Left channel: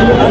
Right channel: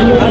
Yeah.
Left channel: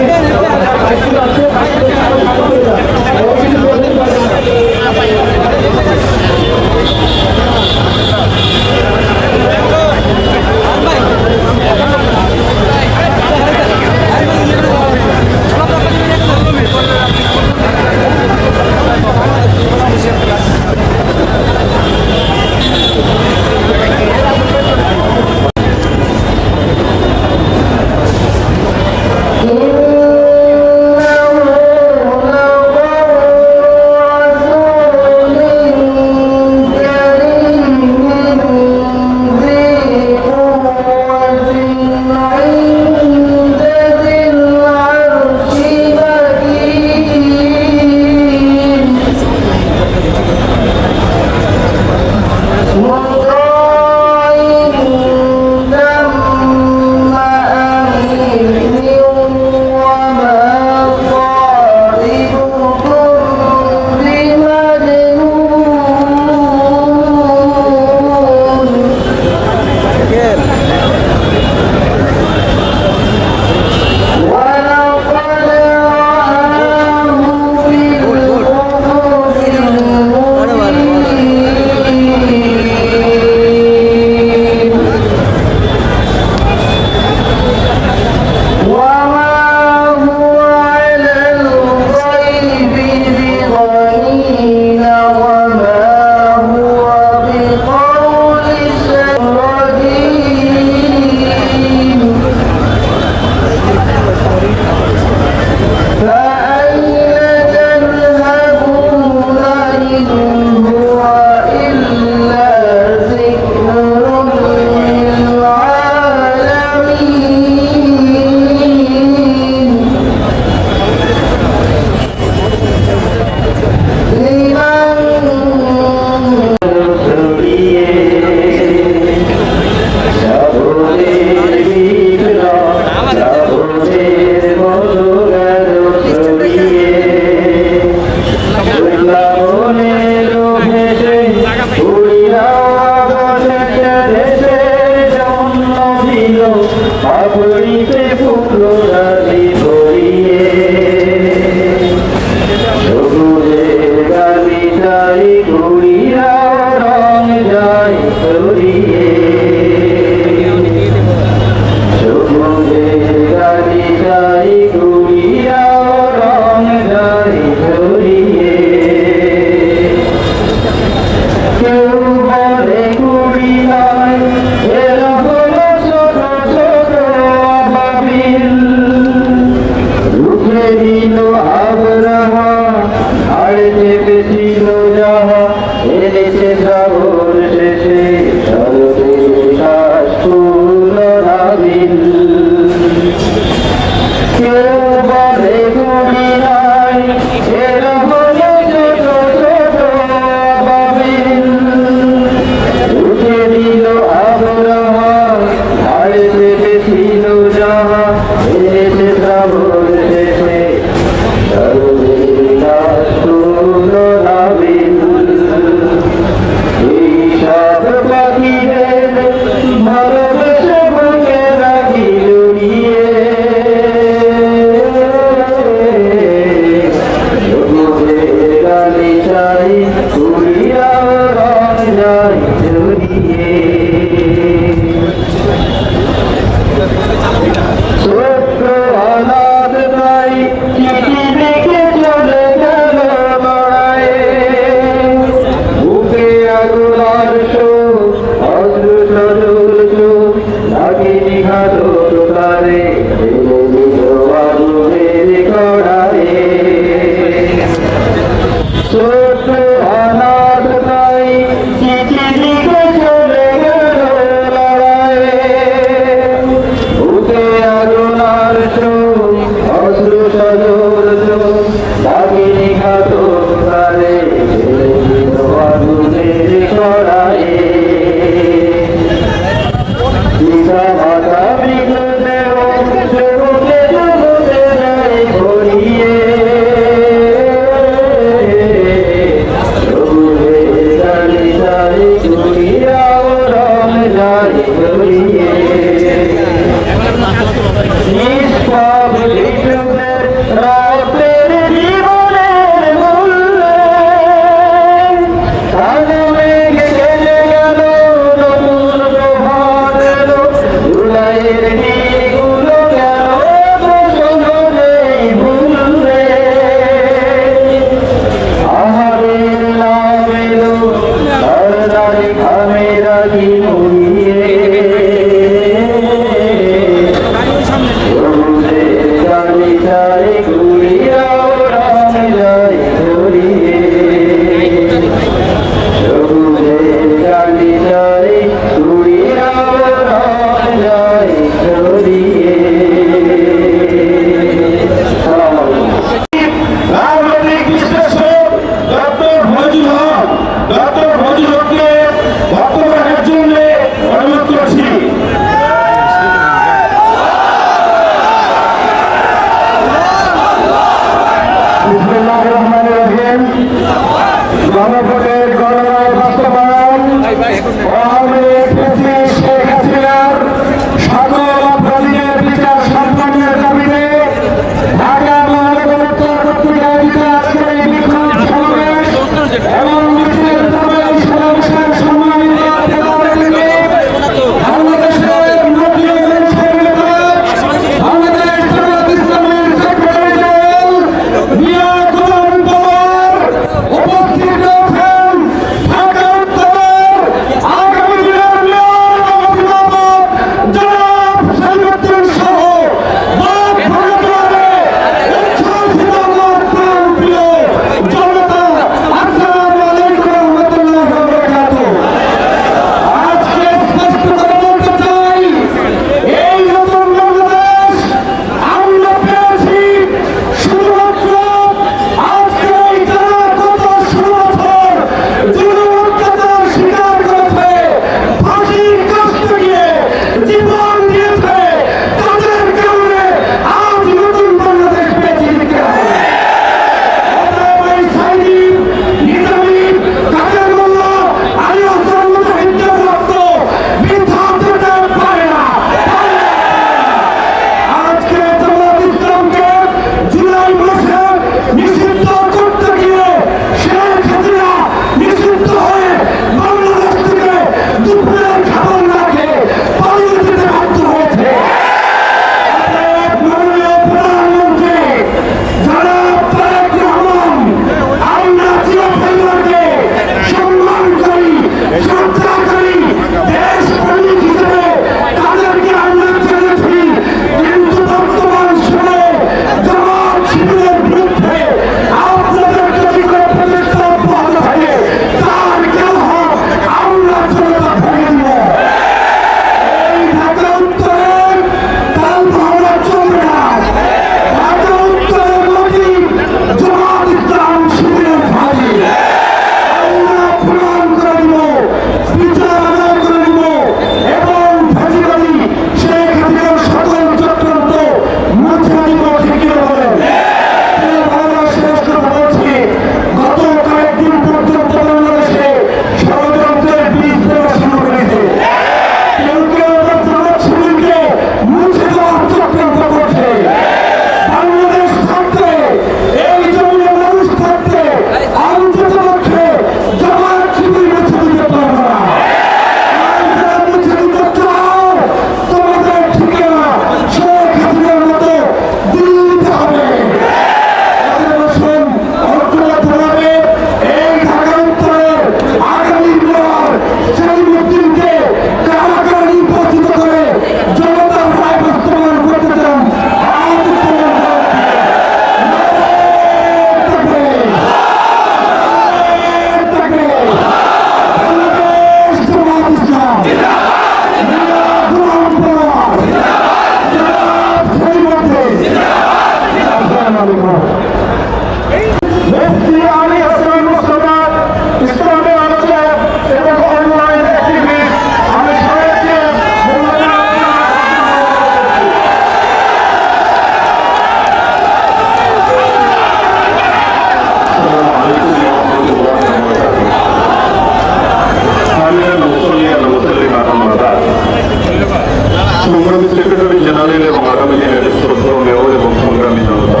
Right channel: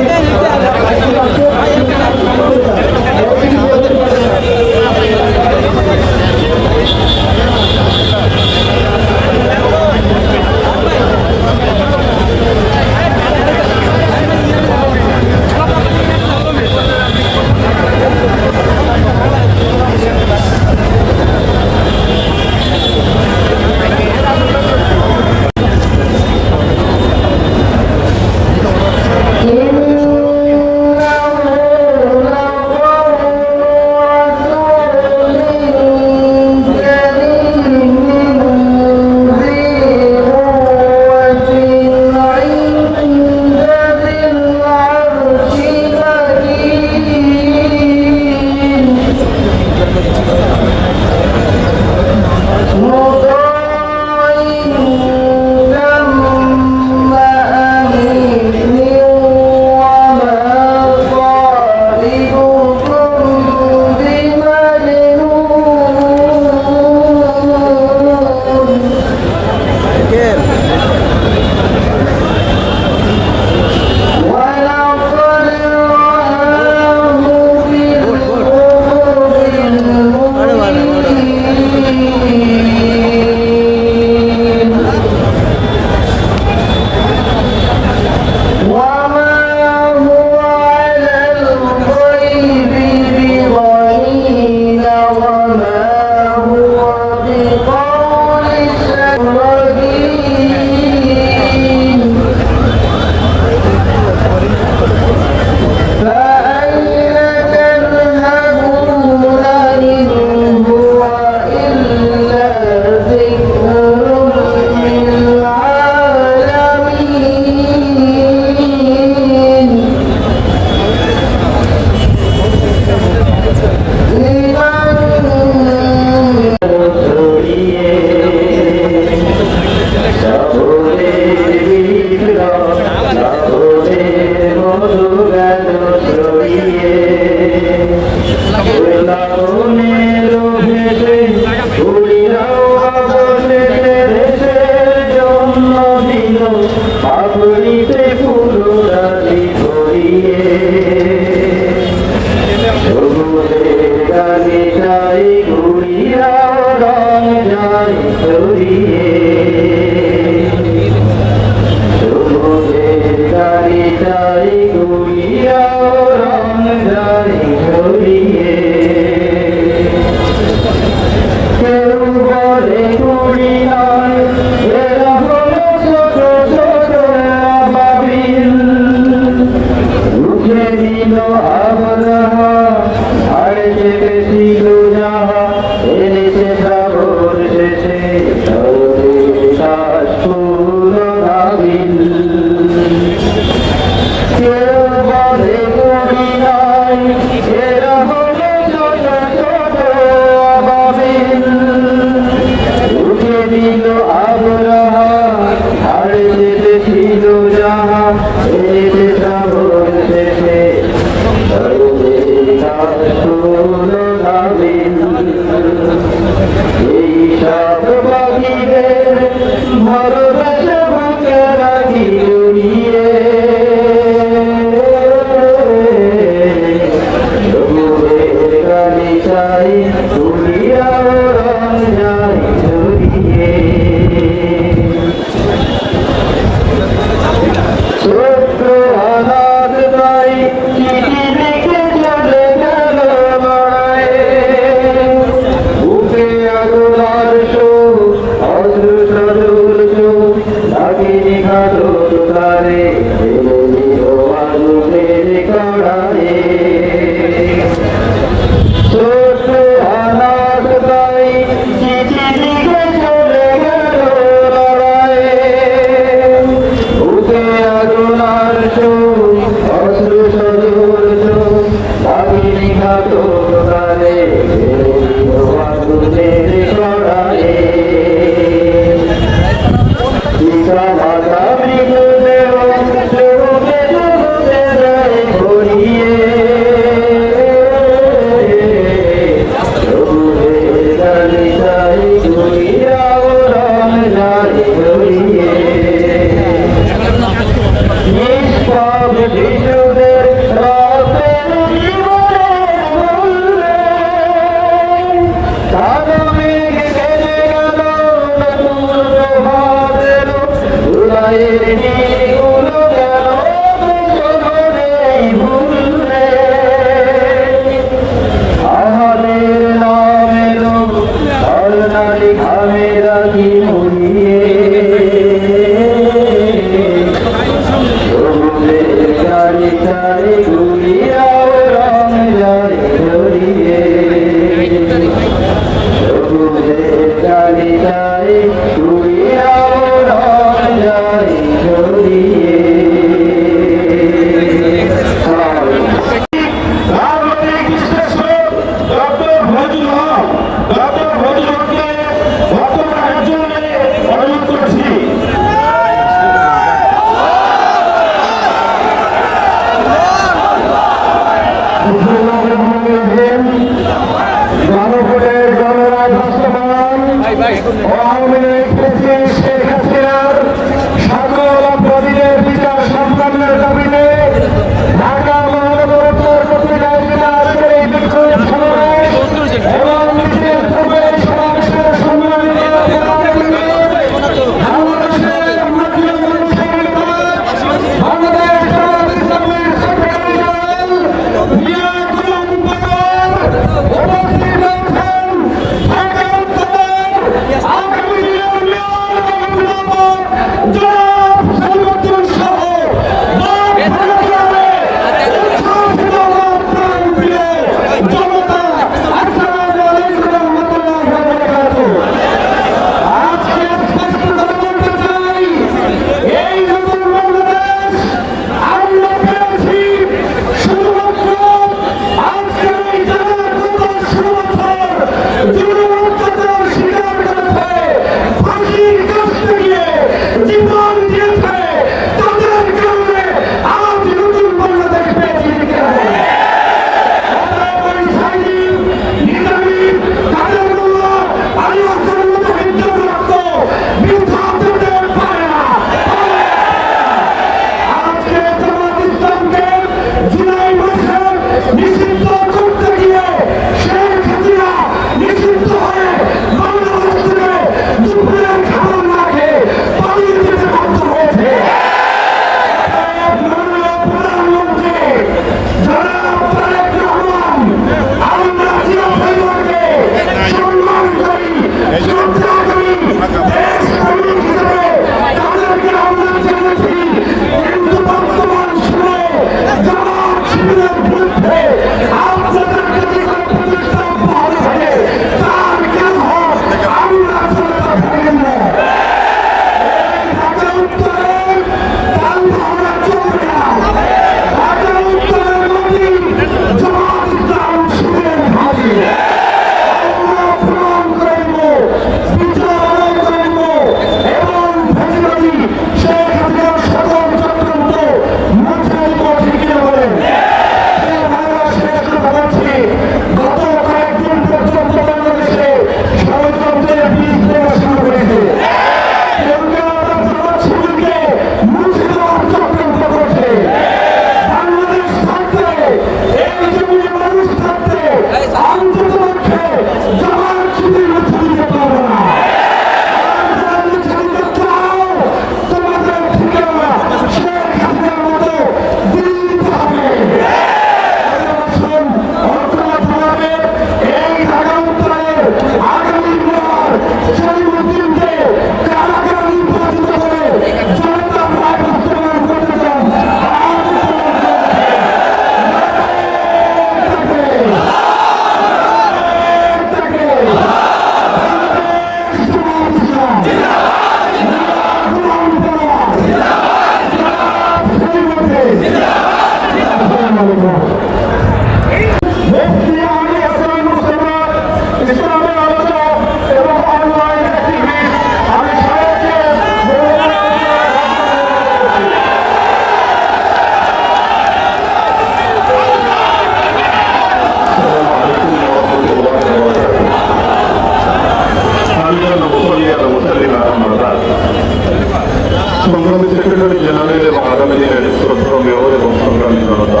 সংগ্রামী secretary general এবং আগামী দিনের শ্রদ্ধেয় মেয়র এবং সংগ্রামী জনতা,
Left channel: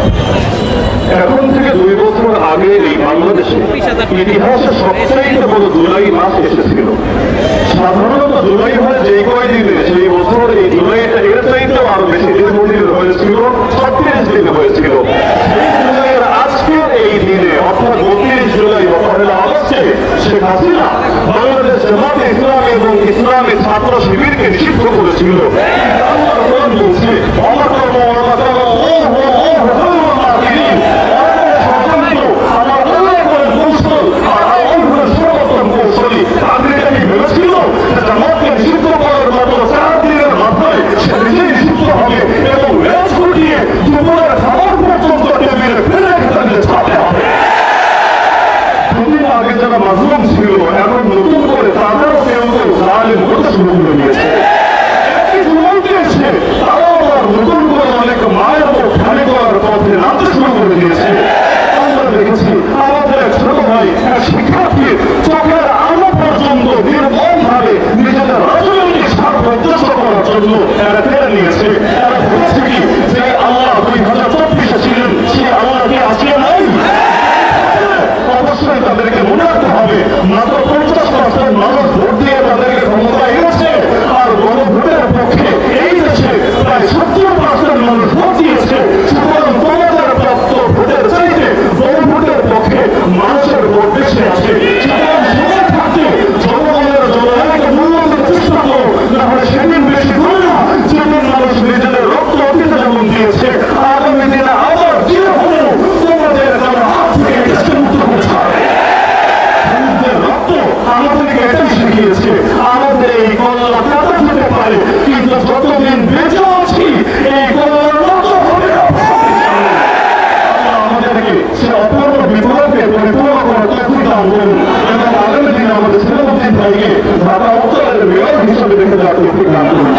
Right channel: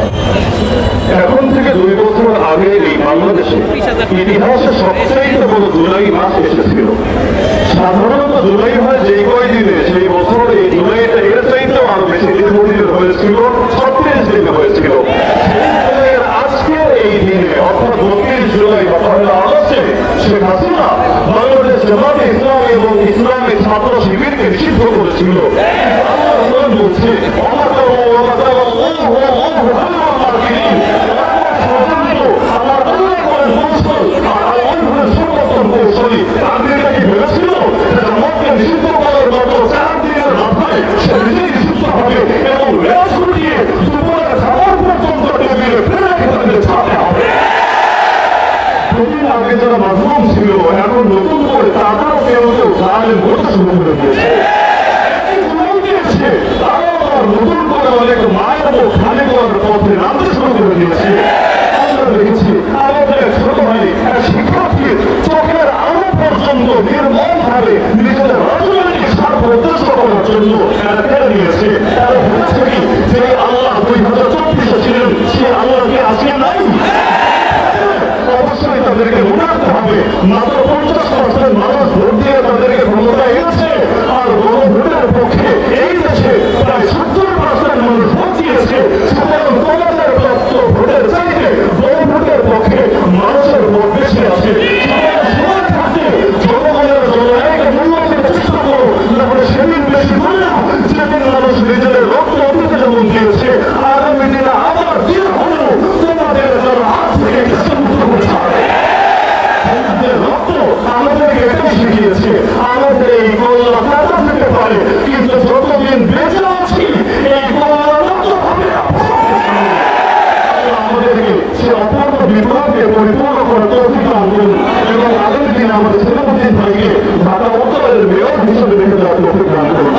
এখন থেকে 2 বছর আগে এই বাংলাদেশে ইতিহাসে সবচেয়ে বড় জুলাই মাস এসেছিল। সাধারণত জুলাই হয় যে কয়দিনে, সেই বছর এই জুলাইটা এর চাইতেও আরো বেশি দীর্ঘদিনের হয়েছিল, 36 দিন হয়েছিল। সেই জুলাইয়ের আজকের এই দিনে অর্থাৎ 32 জুলাই বা 1 আগস্টে শেখ হাসিনা বাংলাদেশ জামাতে ইসলামী এবং ইসলামী ছাত্র শিবিরকে নিষিদ্ধ করেছিল। বলছে কৌশলী তাদের এটা কি ভেবেছিল জামাতকে নিষিদ্ধ করার মতো 4 দিনের মাথায় সে নিজেই নিষিদ্ধ হবে এবং রেস উঠিয়ে দুপুরের খাবার পর্যন্ত টেবিলে ফেলে রেখে তাদের ছাড়তে হবে? দুদিন আগে যারা মাজলুম ছিল এখন নতুন করে তাদেরও কেউ কেউ জালেম হতে শুরু করে দিয়েছে। তারাও আবার নতুন করে অনেক মায়ের মুখ খালি করার পথে নামতে শুরু করে দিয়েছে। আমরা দেখেছি আমাদের এক ছোট ভাই এক শিক্ষার্থী চোখের আলো পর্যন্ত নির্মমভাবে নিজেদের রাজনৈতিক স্বার্থ উদ্দেশ্য করার জন্য এরা কেড়ে নিয়েছে। এরা বলেছে কি যে আল্লাহ 2024 ছিলেন, সেই আল্লাহকে আসিয়ে নাই? অবশ্যই তাদেরকে মনে রাখতে হবে মাত্র 50% মানুষ ভোট দিয়ে তাদেরকে ক্ষমতা এনেছে, আর বড় ভোটের পক্ষে এই দেশে প্রায় 70% মানুষ ভোট দিয়েছে। সুতরাং তোমাদের প্রাপ্ত ভোটের চাইতে বড় ভোটের পক্ষে মানুষের ভোট বেশি আছে। জনগণের জনগণকে মূল্য দিতে চেষ্টা করো, তাহলে সেদিন বেশি হবে না যেদিন মানুষ নিজেদের রক্ত অতীতে যেমন দিয়েছে, আগামী দিনে আবার দিয়ে হলেও তোমাদের যেন হাত থেকে দেশে মুক্ত করে ছাড়ে। রক্ত আমাদেরকে এটাই শিখিয়েছে, আমাদের এই কল্লা কাটা যেতে পারে, কিন্তু যতদিন বেঁচে আছি এই কল্লা নষ্ট হবে না। আমাদেরকে সে অপূর্ণ বিপ্লবকে পরিপূর্ণ করার তৌফিক দান করুন এবং আগামী দিনে আমাদের সেনাপতি ভাইকে ঢাকা উত্তরের মেয়র হিসেবে দেখে যাওয়ার তৌফিক দান করুন।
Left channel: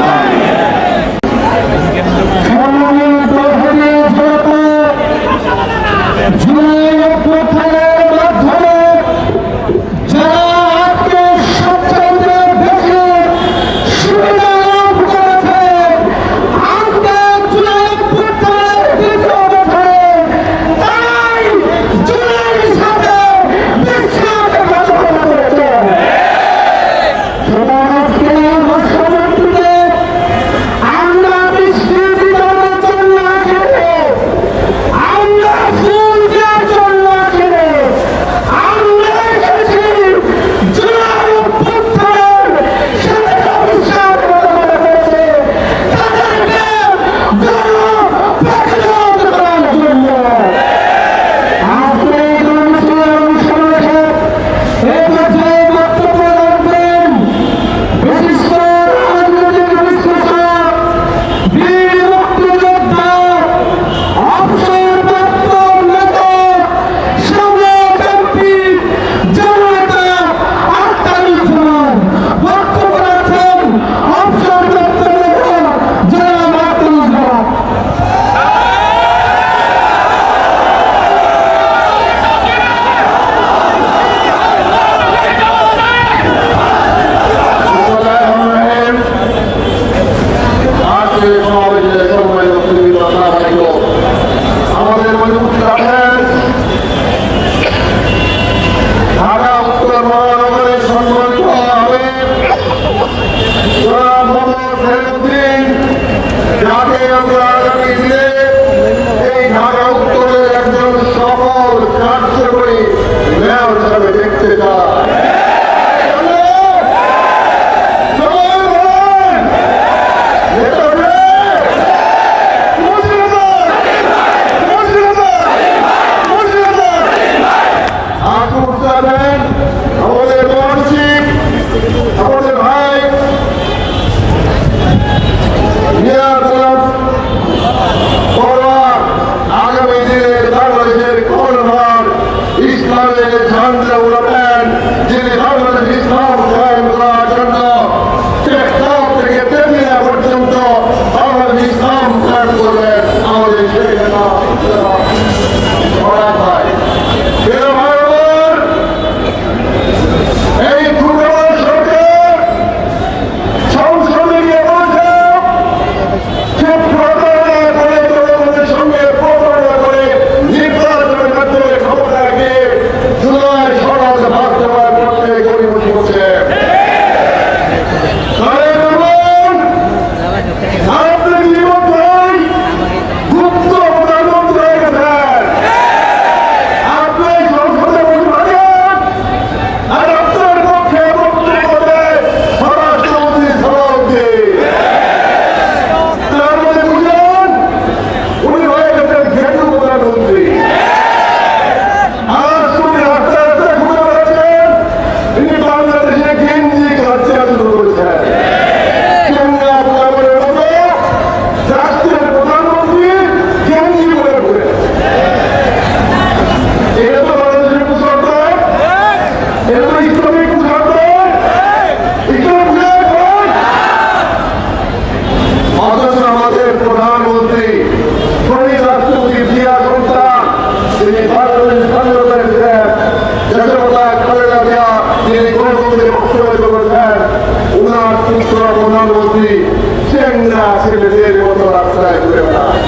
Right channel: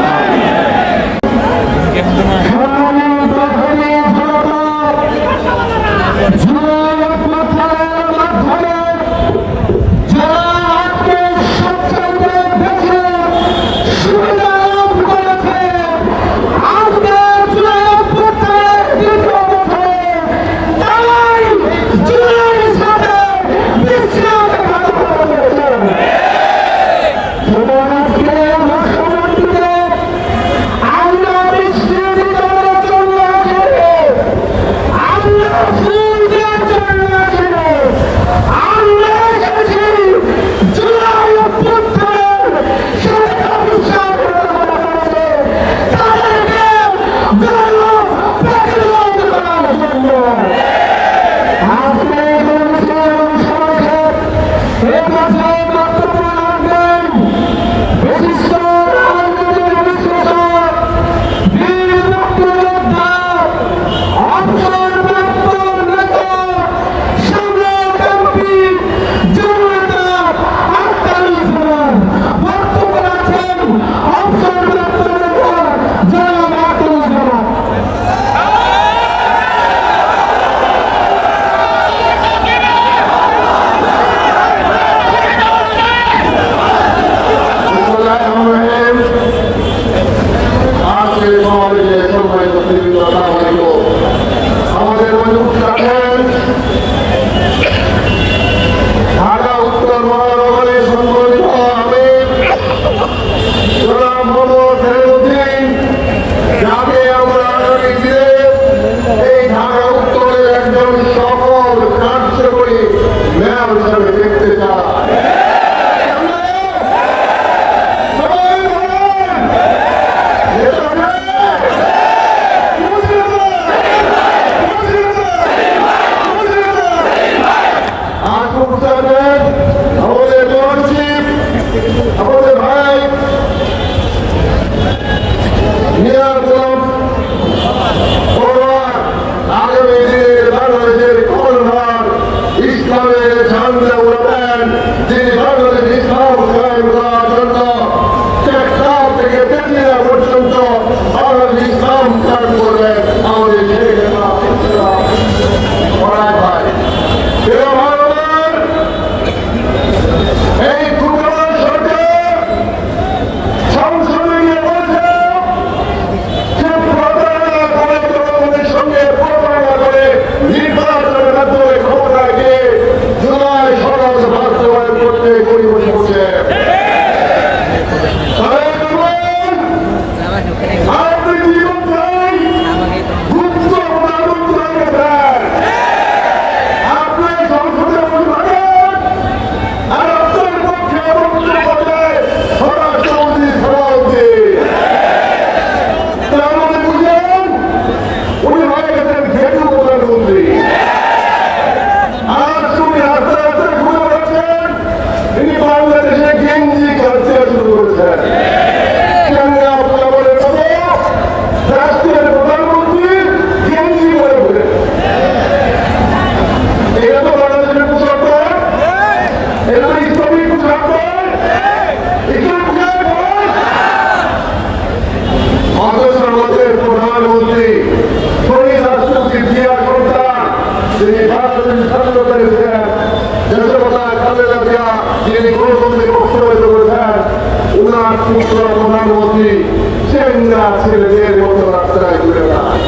মেয়েরা ছেলেদের মতো রাস্তায় ঘুরে বেড়ায়।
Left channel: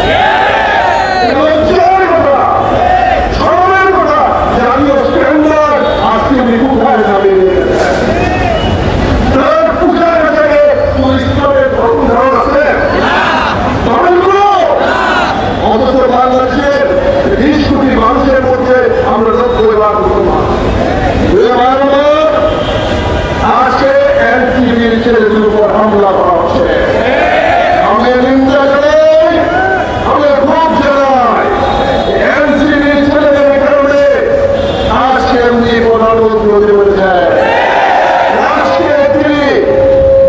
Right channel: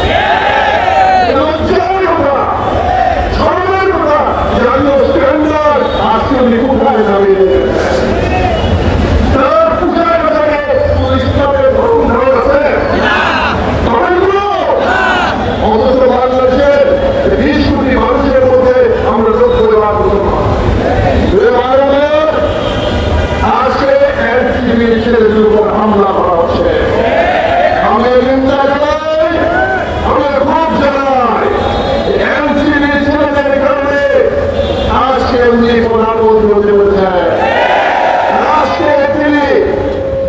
এটা লজ্জার কথা, শরমের কথা যে আমি স্ট্যান্ডার্ড আজকে উনি কোথায় নামিয়ে দিয়েছেন। তার পূজার বাজারে ইসলামের ধর্ম ধারণ আছে ধর্মগুলো, অথচ বাংলাদেশের 20 কোটি মানুষের মধ্যে আমরা 90 লাখ মুসলমান। আজকে এনসিবির ছেলেদের উপর হামলা করা হচ্ছে। আমি নিন্দা জানাই, আমি ক্ষোভ জানাই। এনসিবির ছেলেদের কারণে আজকে এমনি প্রধানমন্ত্রী হতে বলেছে। রাষ্ট্রের তিনি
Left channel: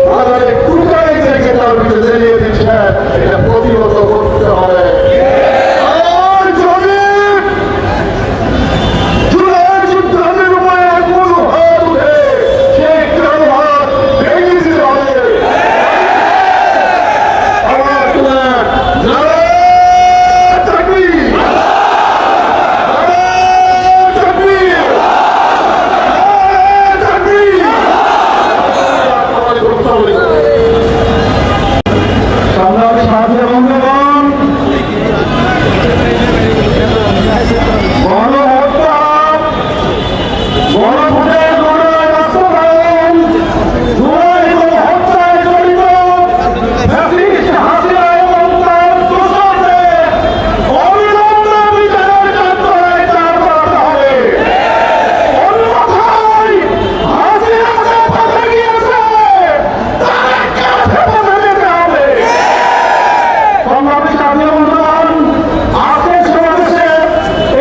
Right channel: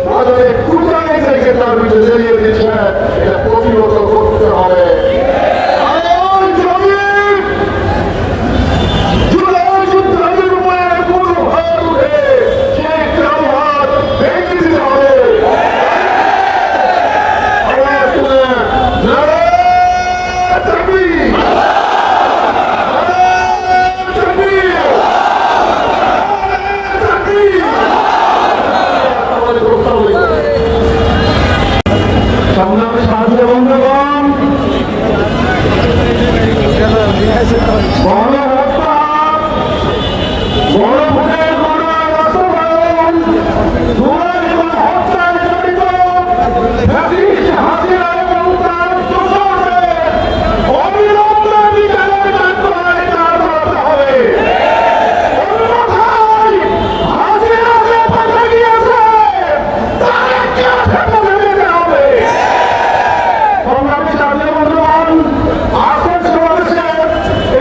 বাজারে কুকাইদেরকে তার ভিতরে জ্বালিয়ে দিচ্ছেন। এটা প্রতিহত করতে হবে। আর যদি জুলাই যুদ্ধের উপরে কোনো হাত উঠে সেই কারো হাত ভেঙে দিতে হবে। আওয়াজ তুলেন, নারায়ে তাকবীর, নারায়ে তাকবীর, নারায়ে তাকবীর। সংগ্রামী সাথী বন্ধুগণ, গণহত্যা, গণভোটের বাস্তবায়ন, জুলাই গণহত্যায় জড়িত ফ্যাসিস্ট হাসিনা এবং তার দোসরদের অবিলম্বে বিচারের কাঠগড়ায় দাঁড় করাতে হবে। অন্যথায় হাসিনা যে পথে গিয়েছে তাদেরকে পথে যেতে হবে। সংগ্রামী সাথী বন্ধুগণ, আজকের সমাবেশে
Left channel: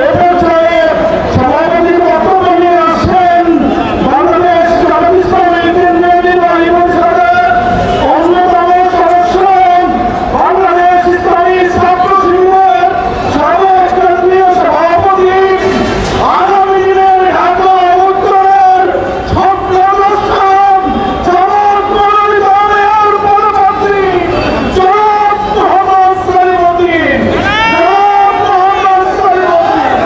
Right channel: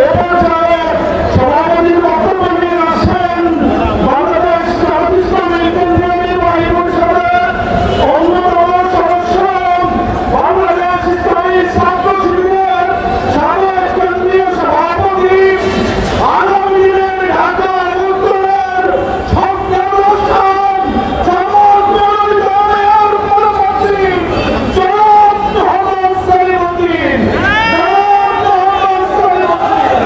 এ পর্যায়ে সভাপতির বক্তব্য নিয়ে আসছেন বাংলাদেশ জামাত ইসলামী কেন্দ্রীয় নির্বাহী পরিষদের অন্যতম সদস্য, বাংলাদেশ ইসলামী ছাত্র শিবিরের সাবেক কেন্দ্রীয় সভাপতি, আগামী দিনের ঢাকা উত্তরের স্বপ্নদ্রষ্টা জামাত মনোনীত মেয়র পদপ্রার্থী জনাব মোহাম্মদ সেলিম উদ্দিন। জনাব মোহাম্মদ সেলিম উদ্দিন।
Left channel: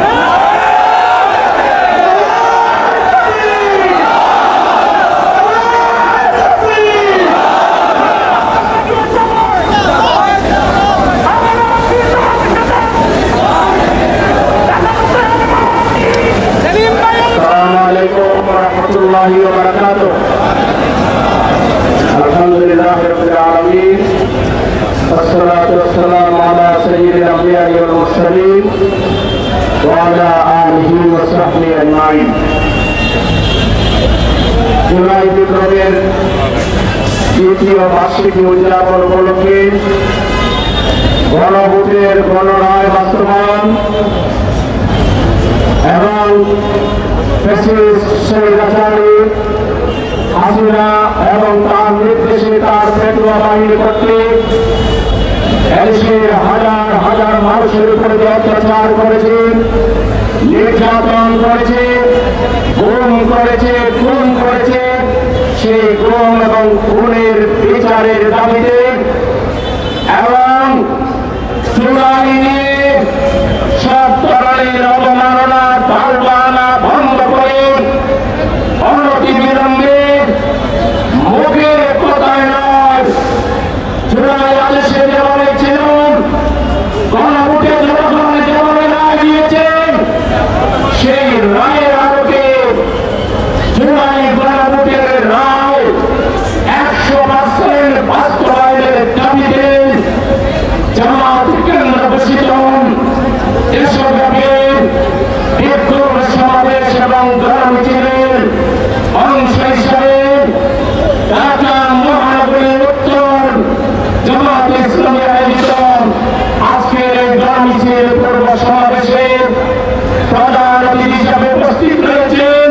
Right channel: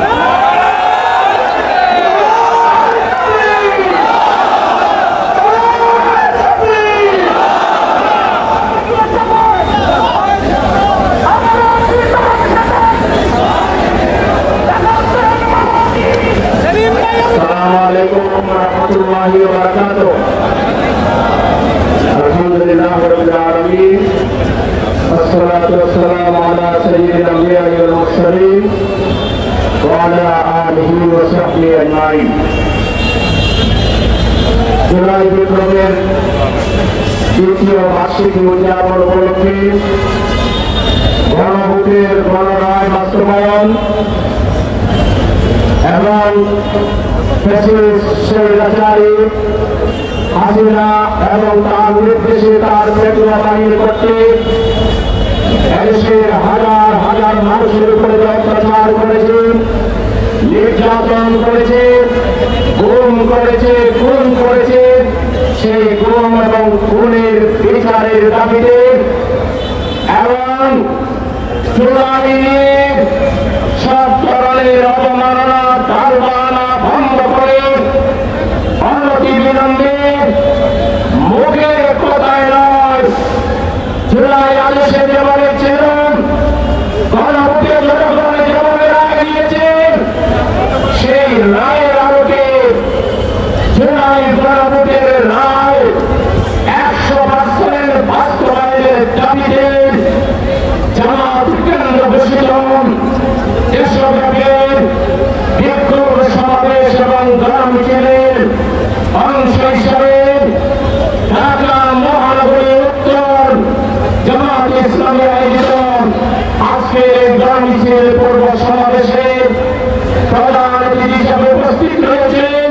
আসসালামু আলাইকুম ওয়া রাহমাতুল্লাহি ওয়া বারাকাতুহু। আলহামদুলিল্লাহি রাব্বিল আলামিন, ওয়াসসালাতু ওয়াসসালামু আলা সাইয়্যিদিল আমবিয়া'i ওয়াল মুরসালিন ওয়া আলা আলিহি ওয়া সাহবিহি আজমাইন। জুলাই বিপ্লবের দ্বিতীয় বার্ষিকী উদযাপন উপলক্ষে গণভোটের গণরায় বাস্তবায়ন এবং স্বৈরাচারী হাসিনা এবং তার নির্দেশে তার পেটুয়া বাহিনীর কর্তৃক এদেশের হাজার হাজার মানুষের উপরে যে অত্যাচার করেছে, নির্যাতন করেছে, গুম করেছে, খুন করেছে, সেই গুম এবং খুনের বিচারের দাবিতে এবং জুলাই নিয়ে সব ধরনের অবমাননা, ঢালবানা বন্ধ করে অনতিবিলম্বে মুখের কথায় নয়, জুলাই আদেশে যেভাবে ছিল, গণভোটে জনগণ যেভাবে রায় দিয়েছেন, সেই রায়ের আলোকে জুলাই গণভোটের রায় 100% বাস্তবায়নের দাবিতে জামাত কেন্দ্র ঘোষিত দেশব্যাপী বিক্ষোভ সমাবেশ এবং গ্রাম মিছিলের অংশ হিসাবে ঢাকা মহানগরীর উত্তর জামাত ইসলামী আয়োজিত আজকের এই গ্রাম মিছিল পূর্ব সমাবেশে প্রধান অতিথি হিসাবে উপস্থিত রয়েছেন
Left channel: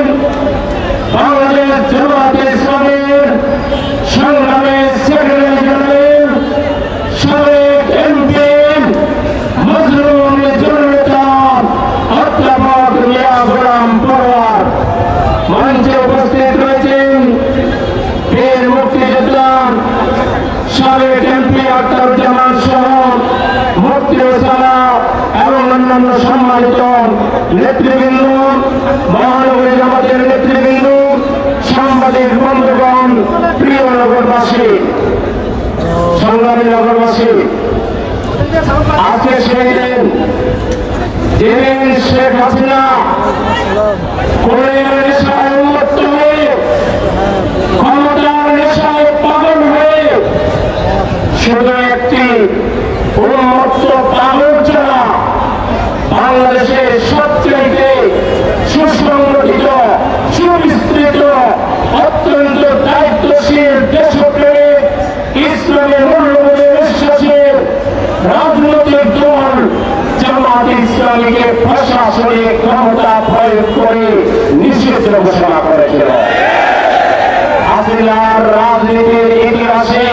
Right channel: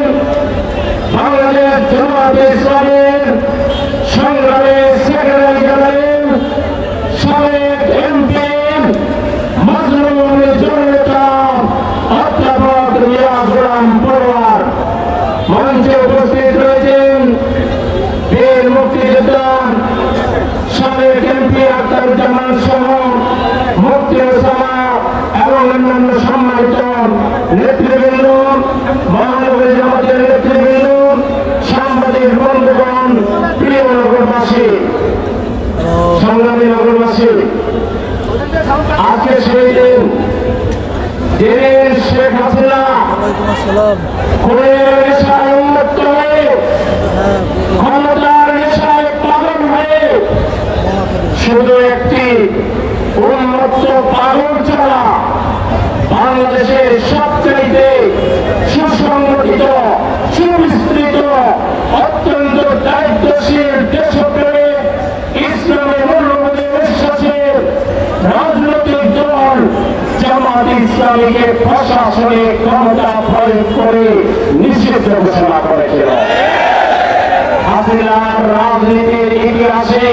বাংলাদেশ জামাত ইসলামের সংগ্রামী সেক্রেটারি জেনারেল, সাবেক এমপি মজলুম জননেতা অধ্যাপক মিয়া গোলাম পরোয়ার। মঞ্চে উপস্থিত রয়েছেন বীর মুক্তিযোদ্ধা সাবেক এমপি আখতারুজ্জামান সহ মুফতি ওসামা এবং অন্যান্য সম্মানিত নেতৃবৃন্দ, মহানগরী জামাতের নেতৃবৃন্দ, সাংবাদিক বন্ধুগণ, প্রিয় নগরবাসী, সংগ্রামী নগরবাসী। জাতি উন্মত্ত পাগল ছাড়া বাংলাদেশের সবচাইতে সুসংগঠিত সুবিস্তৃত অত্যন্ত দায়িত্বশীল দেশপ্রেমিক ইসলামী মূল্যবোধে বিশ্বাসের রাজনৈতিক দল জামাত ইসলামীকে প্রশাসনিক ক্ষমতা প্রয়োগ করে নিষিদ্ধ ঘোষণা করেছিল। হাসিনার রাজনীতির ইতিহাসে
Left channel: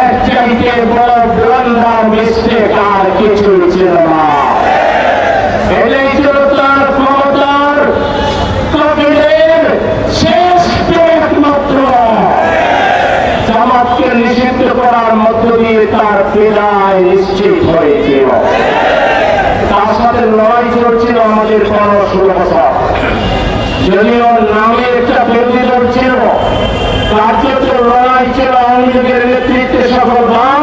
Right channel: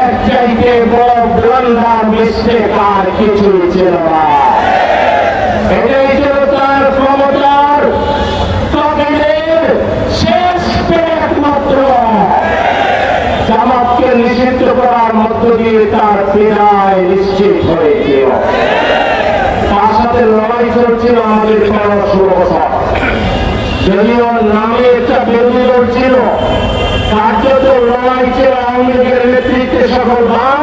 এর চাইতে বড় ব্লান্ডার মিস্টেক আর কিছুই ছিল না। এটাই ছিল তার ক্ষমতার তহবিলের শেষ একমাত্র। জামাতকে নিষিদ্ধ করার মধ্য দিয়ে তার বিদায় নিশ্চিত হয়েছিল। তার সাথে লড়াই চলছিল আমাদের 15-16 বছর। যদিও নামে একটা বিরোধী দল ছিল, কার্যত লড়াই ছিল আওয়ামী লীগের নেতৃত্বে সকল দাম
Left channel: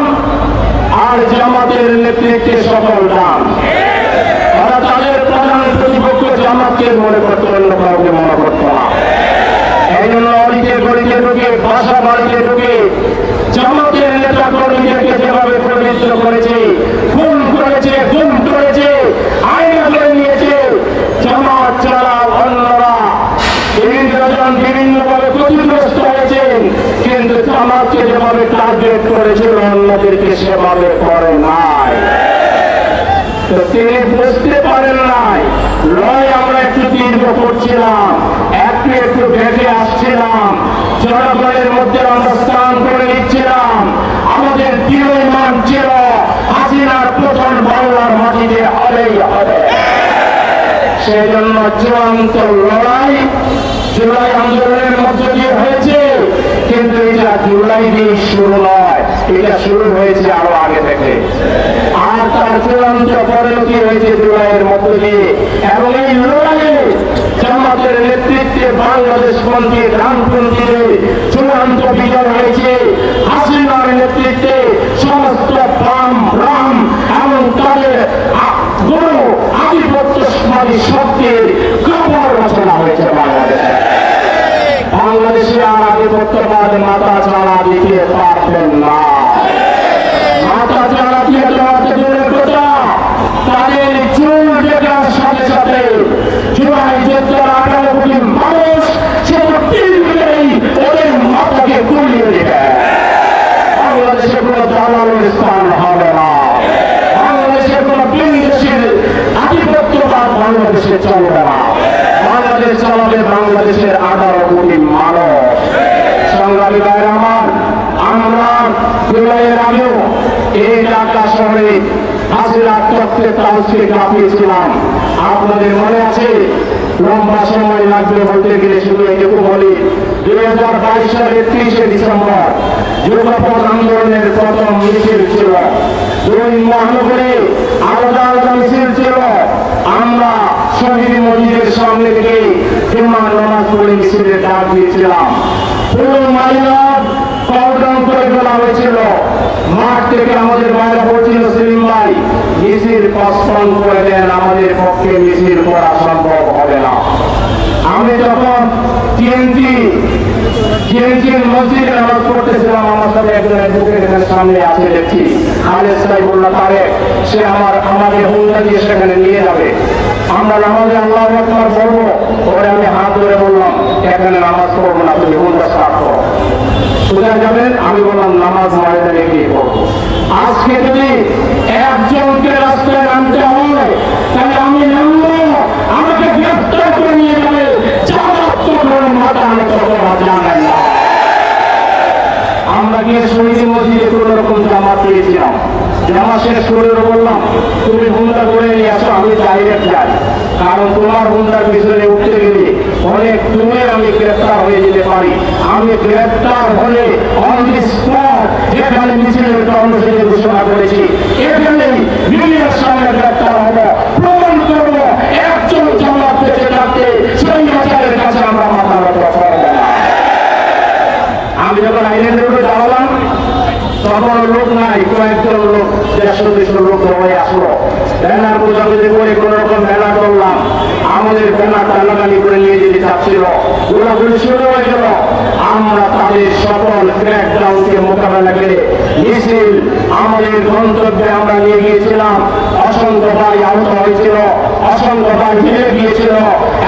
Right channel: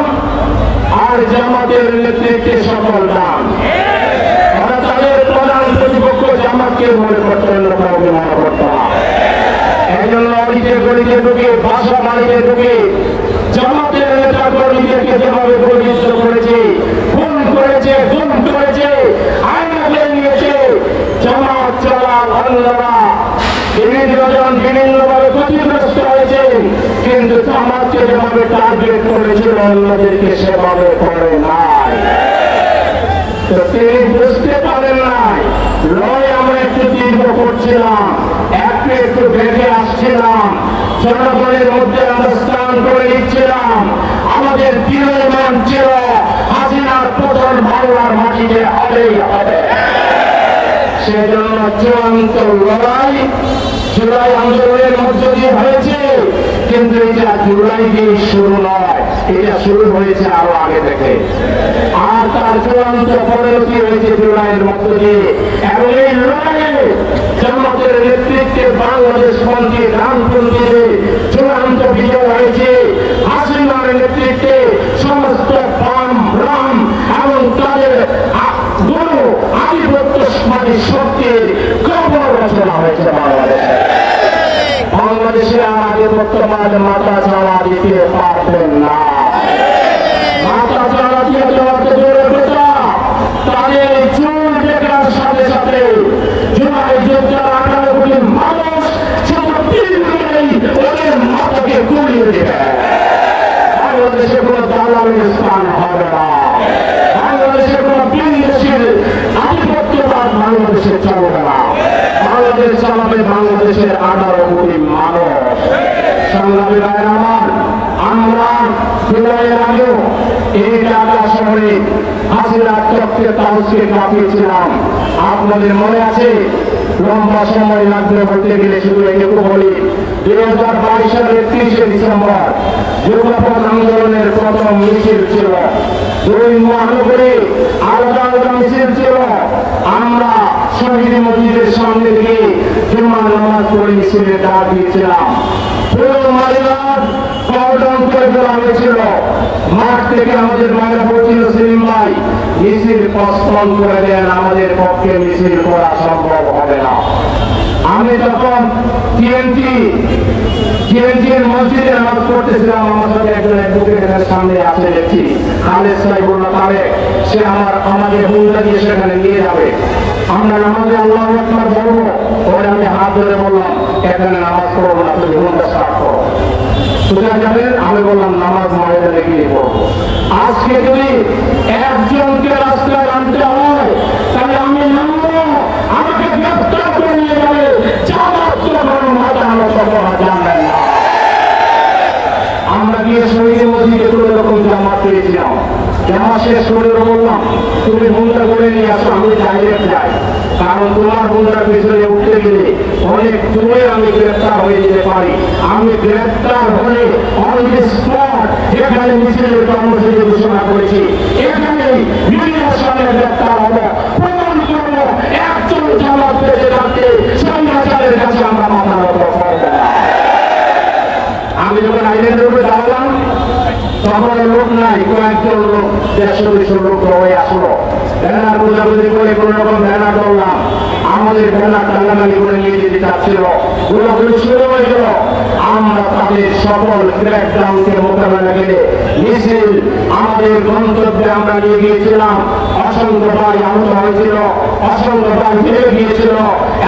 আর জামাতের নেতৃত্বে সকল দাম। তারা তাদের প্রধান প্রতিপক্ষ জামাতকে মনে করত, অন্য কাউকে মনে করত না। এই জন্য অলিতে গলিতে ঢুকে বাসা বাড়িতে ঢুকে জামাতের নেতা কর্মীদেরকে যেভাবে পরিচিত করেছে, খুন করেছে, গুম করেছে, আয়না করে নিয়েছে, জামাত ছাড়া অন্যরা বিভিন্নজন বিভিন্নভাবে ক্ষতিগ্রস্ত হয়েছেন, কিন্তু জামাতকে যেভাবে টার্গেট করেছিল অন্যদেরকে সেভাবে করে নাই। তিনি বুঝতে পারেন নাই লড়াই আমরা একটু দীর্ঘ করছিলাম, একটু একটু ভেবে আসছিলাম, জনগণের মধ্যে আমরা স্নান করে নিচ্ছিলাম। আমাদের দৃঢ় ইমান ছিল হাসিনার পতন বাংলার মাটিতে হবেই হবে। সেজন্য চূড়ান্ত লড়াই জুলাই আন্দোলনের মধ্য দিয়ে হয়েছে, কিন্তু এটা জুলাই দিয়ে শুরু নয়, এটা শুরু হয়েছে আরো আগে থেকে। আর তার চূড়ান্ত পরিণতি হয়েছে জুলাইয়ের মধ্য দিয়ে। এবং এই লড়াইয়ে জামাতের নেতৃত্বে বাংলাদেশ পন্থী ডানপন্থীদের চূড়ান্ত বিজয় হয়েছে। হাসিনার নেতৃত্বে সমস্ত বাম রাম এবং তাদের বড় আধিপত্যবাদী শক্তির খবর রচনা হয়েছে বাংলাদেশে। বাংলাদেশে আর আধিপত্যবাদ মাথা ছাড়া দিতে পারবেন না। মাথা ছাড়া দিয়ে দেওয়ার দূরের কথা, তাদের চুল দেখার সাথে সাথে জুলাই যোদ্ধার 18 কোটি মানুষ সেটা তিনদিনেই ওদের মাথাকে গুলিয়ে দেবে। বাংলাদেশে কোনো দালালের স্থান হবে না। বাংলাদেশে কোনো বিদেশির আধিপত্যবাদ বাংলাদেশে চলবে না। বাংলাদেশ চালাবে বাংলাদেশের 18 কোটি মানুষ। সংগ্রামী ভাইরা আমার, আমরা জুলাইয়ের আগেও এই ঢাকা শহরে হাসিনা চক্রের তালকে কাঁপিয়েছিলাম। আপনাদের মনে আছে? লম্বা সময় লাগবে বলতে গেলে শুধু এটুকু বলি, 2022 সালের 30 ডিসেম্বর যুগপথ আন্দোলনের প্রথম মিছিল ছিল। 2 মহানগরে আলাদা আলাদা মিছিল ছিল। আমরা শহীদ মসজিদের সামনে থেকে জুমা নামাজ পড়ে মিছিলের ডাক দিয়েছিলাম। পুরো মালিনাথ কর্ডন করে ফেলা হয়েছিল। মাঠ থেকে আমাদের মায়েরা বলছিল, সেলিম ভাই মিছিল পস্পন করে দেন, আমাদের পক্ষে মিছিল করা সম্ভব হবে না। আমি তখন টিএনটির মসজিদে নামাজ পড়তেছিলাম। আমার সাথে একজন অ্যাডভোকেট এখানে সামনে আসে দেখছি, খালেদ সাইফুল্লাহ তারেক, সে আমাদের হুন্ডা দিয়ে সেখানে নিয়ে যাবে। আমরা নামাজে আল্লাহু আকবার বলবো, পরে আমি হাত ধরে বললাম এখানে নামাজ পড়বো না, তুমি হুন্ডা স্টার্ট করো। কোথায় যাবেন? আমি বললাম নামাজ ময়দানে গিয়ে পড়বো। আজকে যদি একজনকে রাস্তায় নামতে হয় তাহলে আমি নামবো, আমাকে গ্রেফতার করে নিয়ে যাবে। জামাত তো কোনো মাথা নত করা জানেন না। আমরা গিয়ে শহীদ মসজিদে কোন রকম জামাত পেয়েছিলাম। জামা শেষ করে বললাম, তুমি হুন্ডা করে নিয়ে আসো, আমি ডাইরেক্ট যাই, কারণ তোমার হুন্ডার পিছনে উঠতে গেলে অনেক দূরে আমি গ্রেফতার হয়ে যেতে পারি। আমি গ্রেফতার হলে অন দি স্পট এখানে মিছিলের কর্মসূচি ঘোষণা করেছি, এখানে মিডিয়ার সামনে গ্রেফতার হবো, প্রমাণ করবো একজন জামাত বেঁচে থাকতে সরকারের কাছে আমরা মাথা নত করবো না। আমি যখন আইল্যান্ডের উপরে দাঁড়ালাম তখন লোক নাই, কয়েকজন লোক 150 লোক সবাই আসলো। ব্যানার বোঝাবুঝি করে কোন রকম ব্যানার করলাম, আমাদের ব্যানার টানাটানি করে নিয়ে যেতে চাচ্ছিল। গোলাগুলি শুরু হয়ে গেল। আমরা তাদের সকল ক্র্যাকডাউনকে মোকাবেলা করে মিছিল আমাদের গন্তব্যে আমরা নিয়ে গিয়েছিলাম। অসংখ্য ভাই আহত হয়েছিল, অসংখ্য ভাই ফিরে গিয়েছিল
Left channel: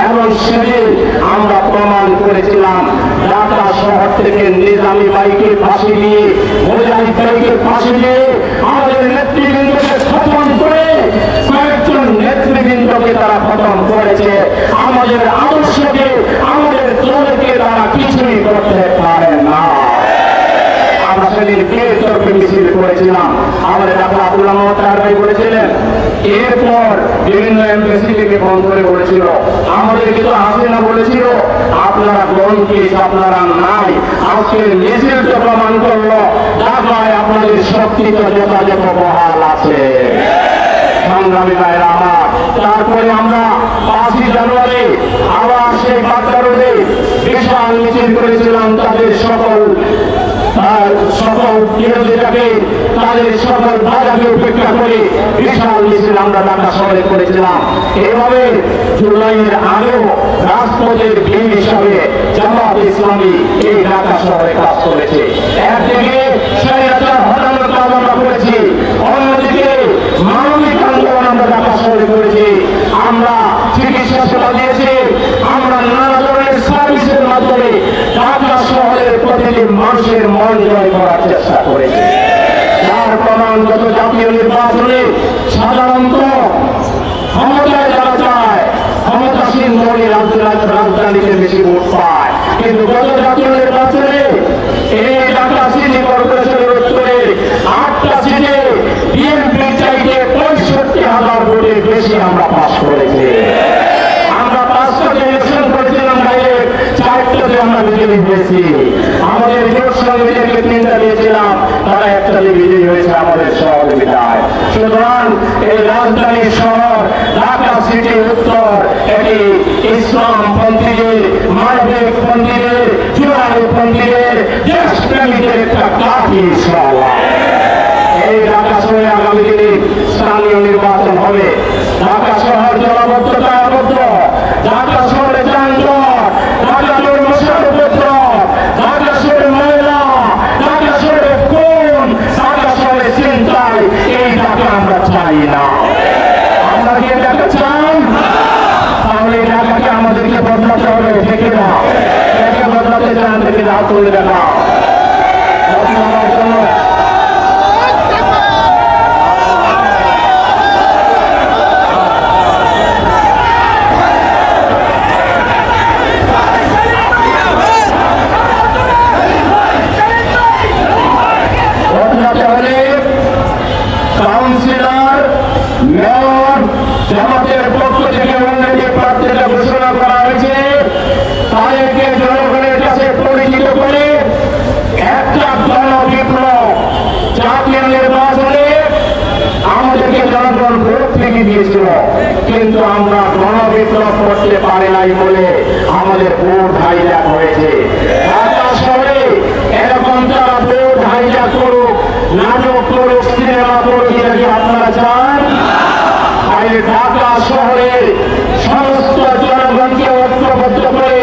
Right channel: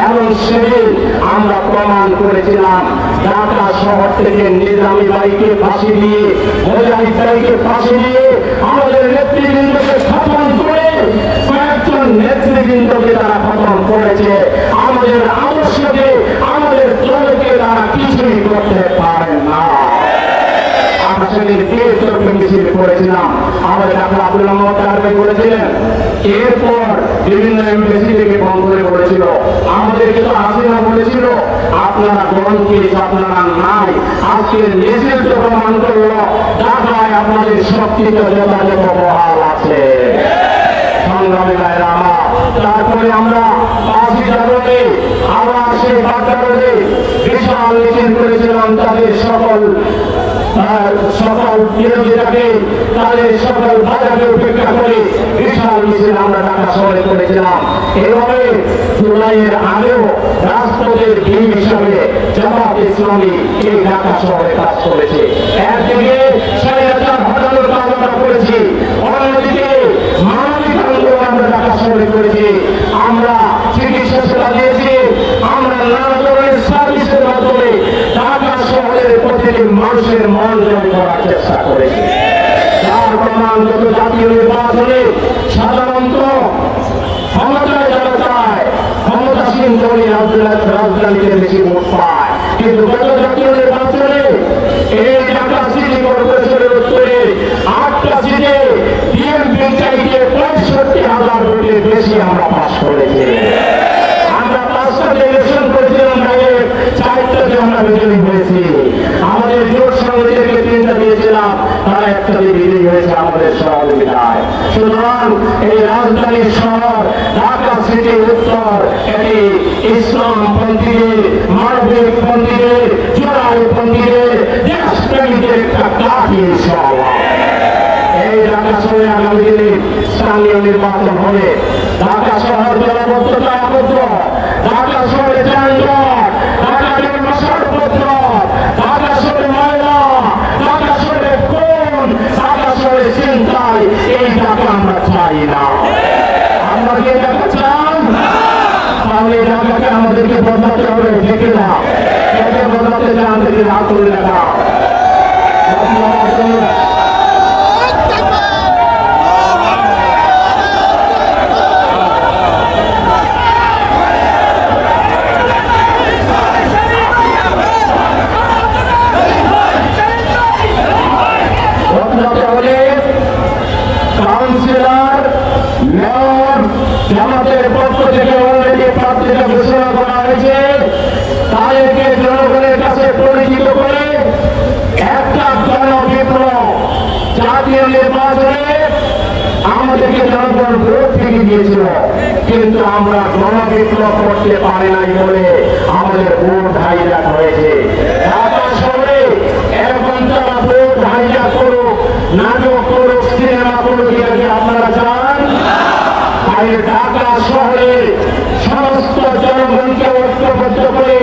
এবং সেদিন আমরা প্রমাণ করেছিলাম ঢাকা শহর থেকে নিজামী বাইকে ফাঁসি দিয়ে, মুজাহিদ বাইকে ফাঁসি দিয়ে আমাদের নেতৃবৃন্দকে খতম করে, কয়েকজন নেতৃবৃন্দকে তারা খতম করেছে। আমাদের আদর্শকে, আমাদের দলকে তারা কিছুই করতে পারে না। আমরা সেদিন বীরতর্কে মিছিল করেছিলাম। আমাদের ডাক্তার আব্দুল্লাহ মোহাম্মদ তাহের ভাই বলেছিলেন, এরপর বিভিন্ন এমপিসি থেকে ফোন করে বলেছিল, আমাদেরকে তো হাসিনা বলেছিল আপনারা গণকে আপনারা নাই। আজকের মিছিল তো প্রমাণ করলো ঢাকায় আপনাদের শক্তি তো যথাযথ বহাল আছে। সংগ্রামী ভাইরা আমার, তারপরে আমরা 5ই জানুয়ারি আবার সেই বাগদারোডে বিশাল মিছিল করেছিলাম। তাদের সকল বিরোধীরাকে, তাদের সকল বাধাকে উপেক্ষা করে বিশাল মিছিল আমরা ঢাকা শহরে করেছিলাম। এভাবে জুলাইয়ের আগেও রাজপথের ভিড় হিসাবে জামাত ইসলামী এই ঢাকা শহরে কাজ করেছে। একদিকে স্বৈরাচার হটানোর কাজ আমরা করেছি, অন্যদিকে মানবিক আন্দোলন আমরা ঢাকা শহরে করেছি। আমরা চিকিৎসা সেবা দিয়েছি, আমরা নানা ধরনের সার্ভিসের মাধ্যমে ঢাকা শহরের প্রতিটি মানুষের মন জয় করার চেষ্টা করেছি। তার প্রমাণ গত জাতীয় নির্বাচনে সাধারণত ক্ষমতায় যারা চায়, ক্ষমতাসীন দলের রাজধানীতে বেশি ভোট পায়, কিন্তু গত জাতীয় নির্বাচনে এই ঢাকা সিটি কর্পোরেশনের উত্তরে 8টা সিটে বিএনপির চাইতে 65,000 ভোটে বেশি আমরা পাস করেছি। আমরা 5টা ইলেকশন করেছিলাম, 4টাতে আমরা বিজয়ী হয়েছি। আমাদের জোট সঙ্গীদেরকে 3টা দিয়েছিলাম, তারা 1টাতে বিজয়ী হয়েছে আমাদের সহযোগিতায়। সুতরাং এই রাজধানী শহর ঢাকা সিটি উত্তর এটি ইসলামপন্থীদের, মানবিক পন্থীদের, জোড়াইপন্থীদের, দেশপ্রেমীদের একটা কাঠি শহর। এই ঢাকা শহরে আগামী দিনে স্থানীয় নির্বাচন হবে। ঢাকা শহর জলাবদ্ধতায় আবদ্ধ, ঢাকা শহরে যানজট, ঢাকা শহরে মশার উপদ্রব, ঢাকা শহরে ময়লা, ঢাকা শহরে খুন, ঢাকা শহরে ছিনতাই। এই ঢাকা আমরা চাই না। আমরা কি ঢাকা চান? তাহলে এই ঢাকাকে আমাদেরকে বদলাতে হবে, দেখে না একে বদলাতে চান থেকে রাত হলে দেখা বদলাবার জন্য কাউন্সিলর, মেয়র, জামাতের পক্ষ থেকে অলরেডি প্রার্থীকে ঘোষণা করা হয়েছে। তাদেরকে জনগণের কাছে পরিচিত করে একটা জনবিপ্লব, জাতীয় নির্বাচনে আমাদেরকে জনগণ ভোট থেকে দিয়েছিল, কিন্তু আমরা গণবিপ্লব করতে পারি নাই বলে আমাদের ভোট হাইজ্যাক হয়েছে। ঢাকা শহরে এরকম তারা ভোট হাইজ্যাক করুক, নাটক করুক, সিনেমা করুক, এটা কি আপনারা চান? তাই ঢাকা শহরের সমস্ত জনগণকে ঐক্যবদ্ধ করে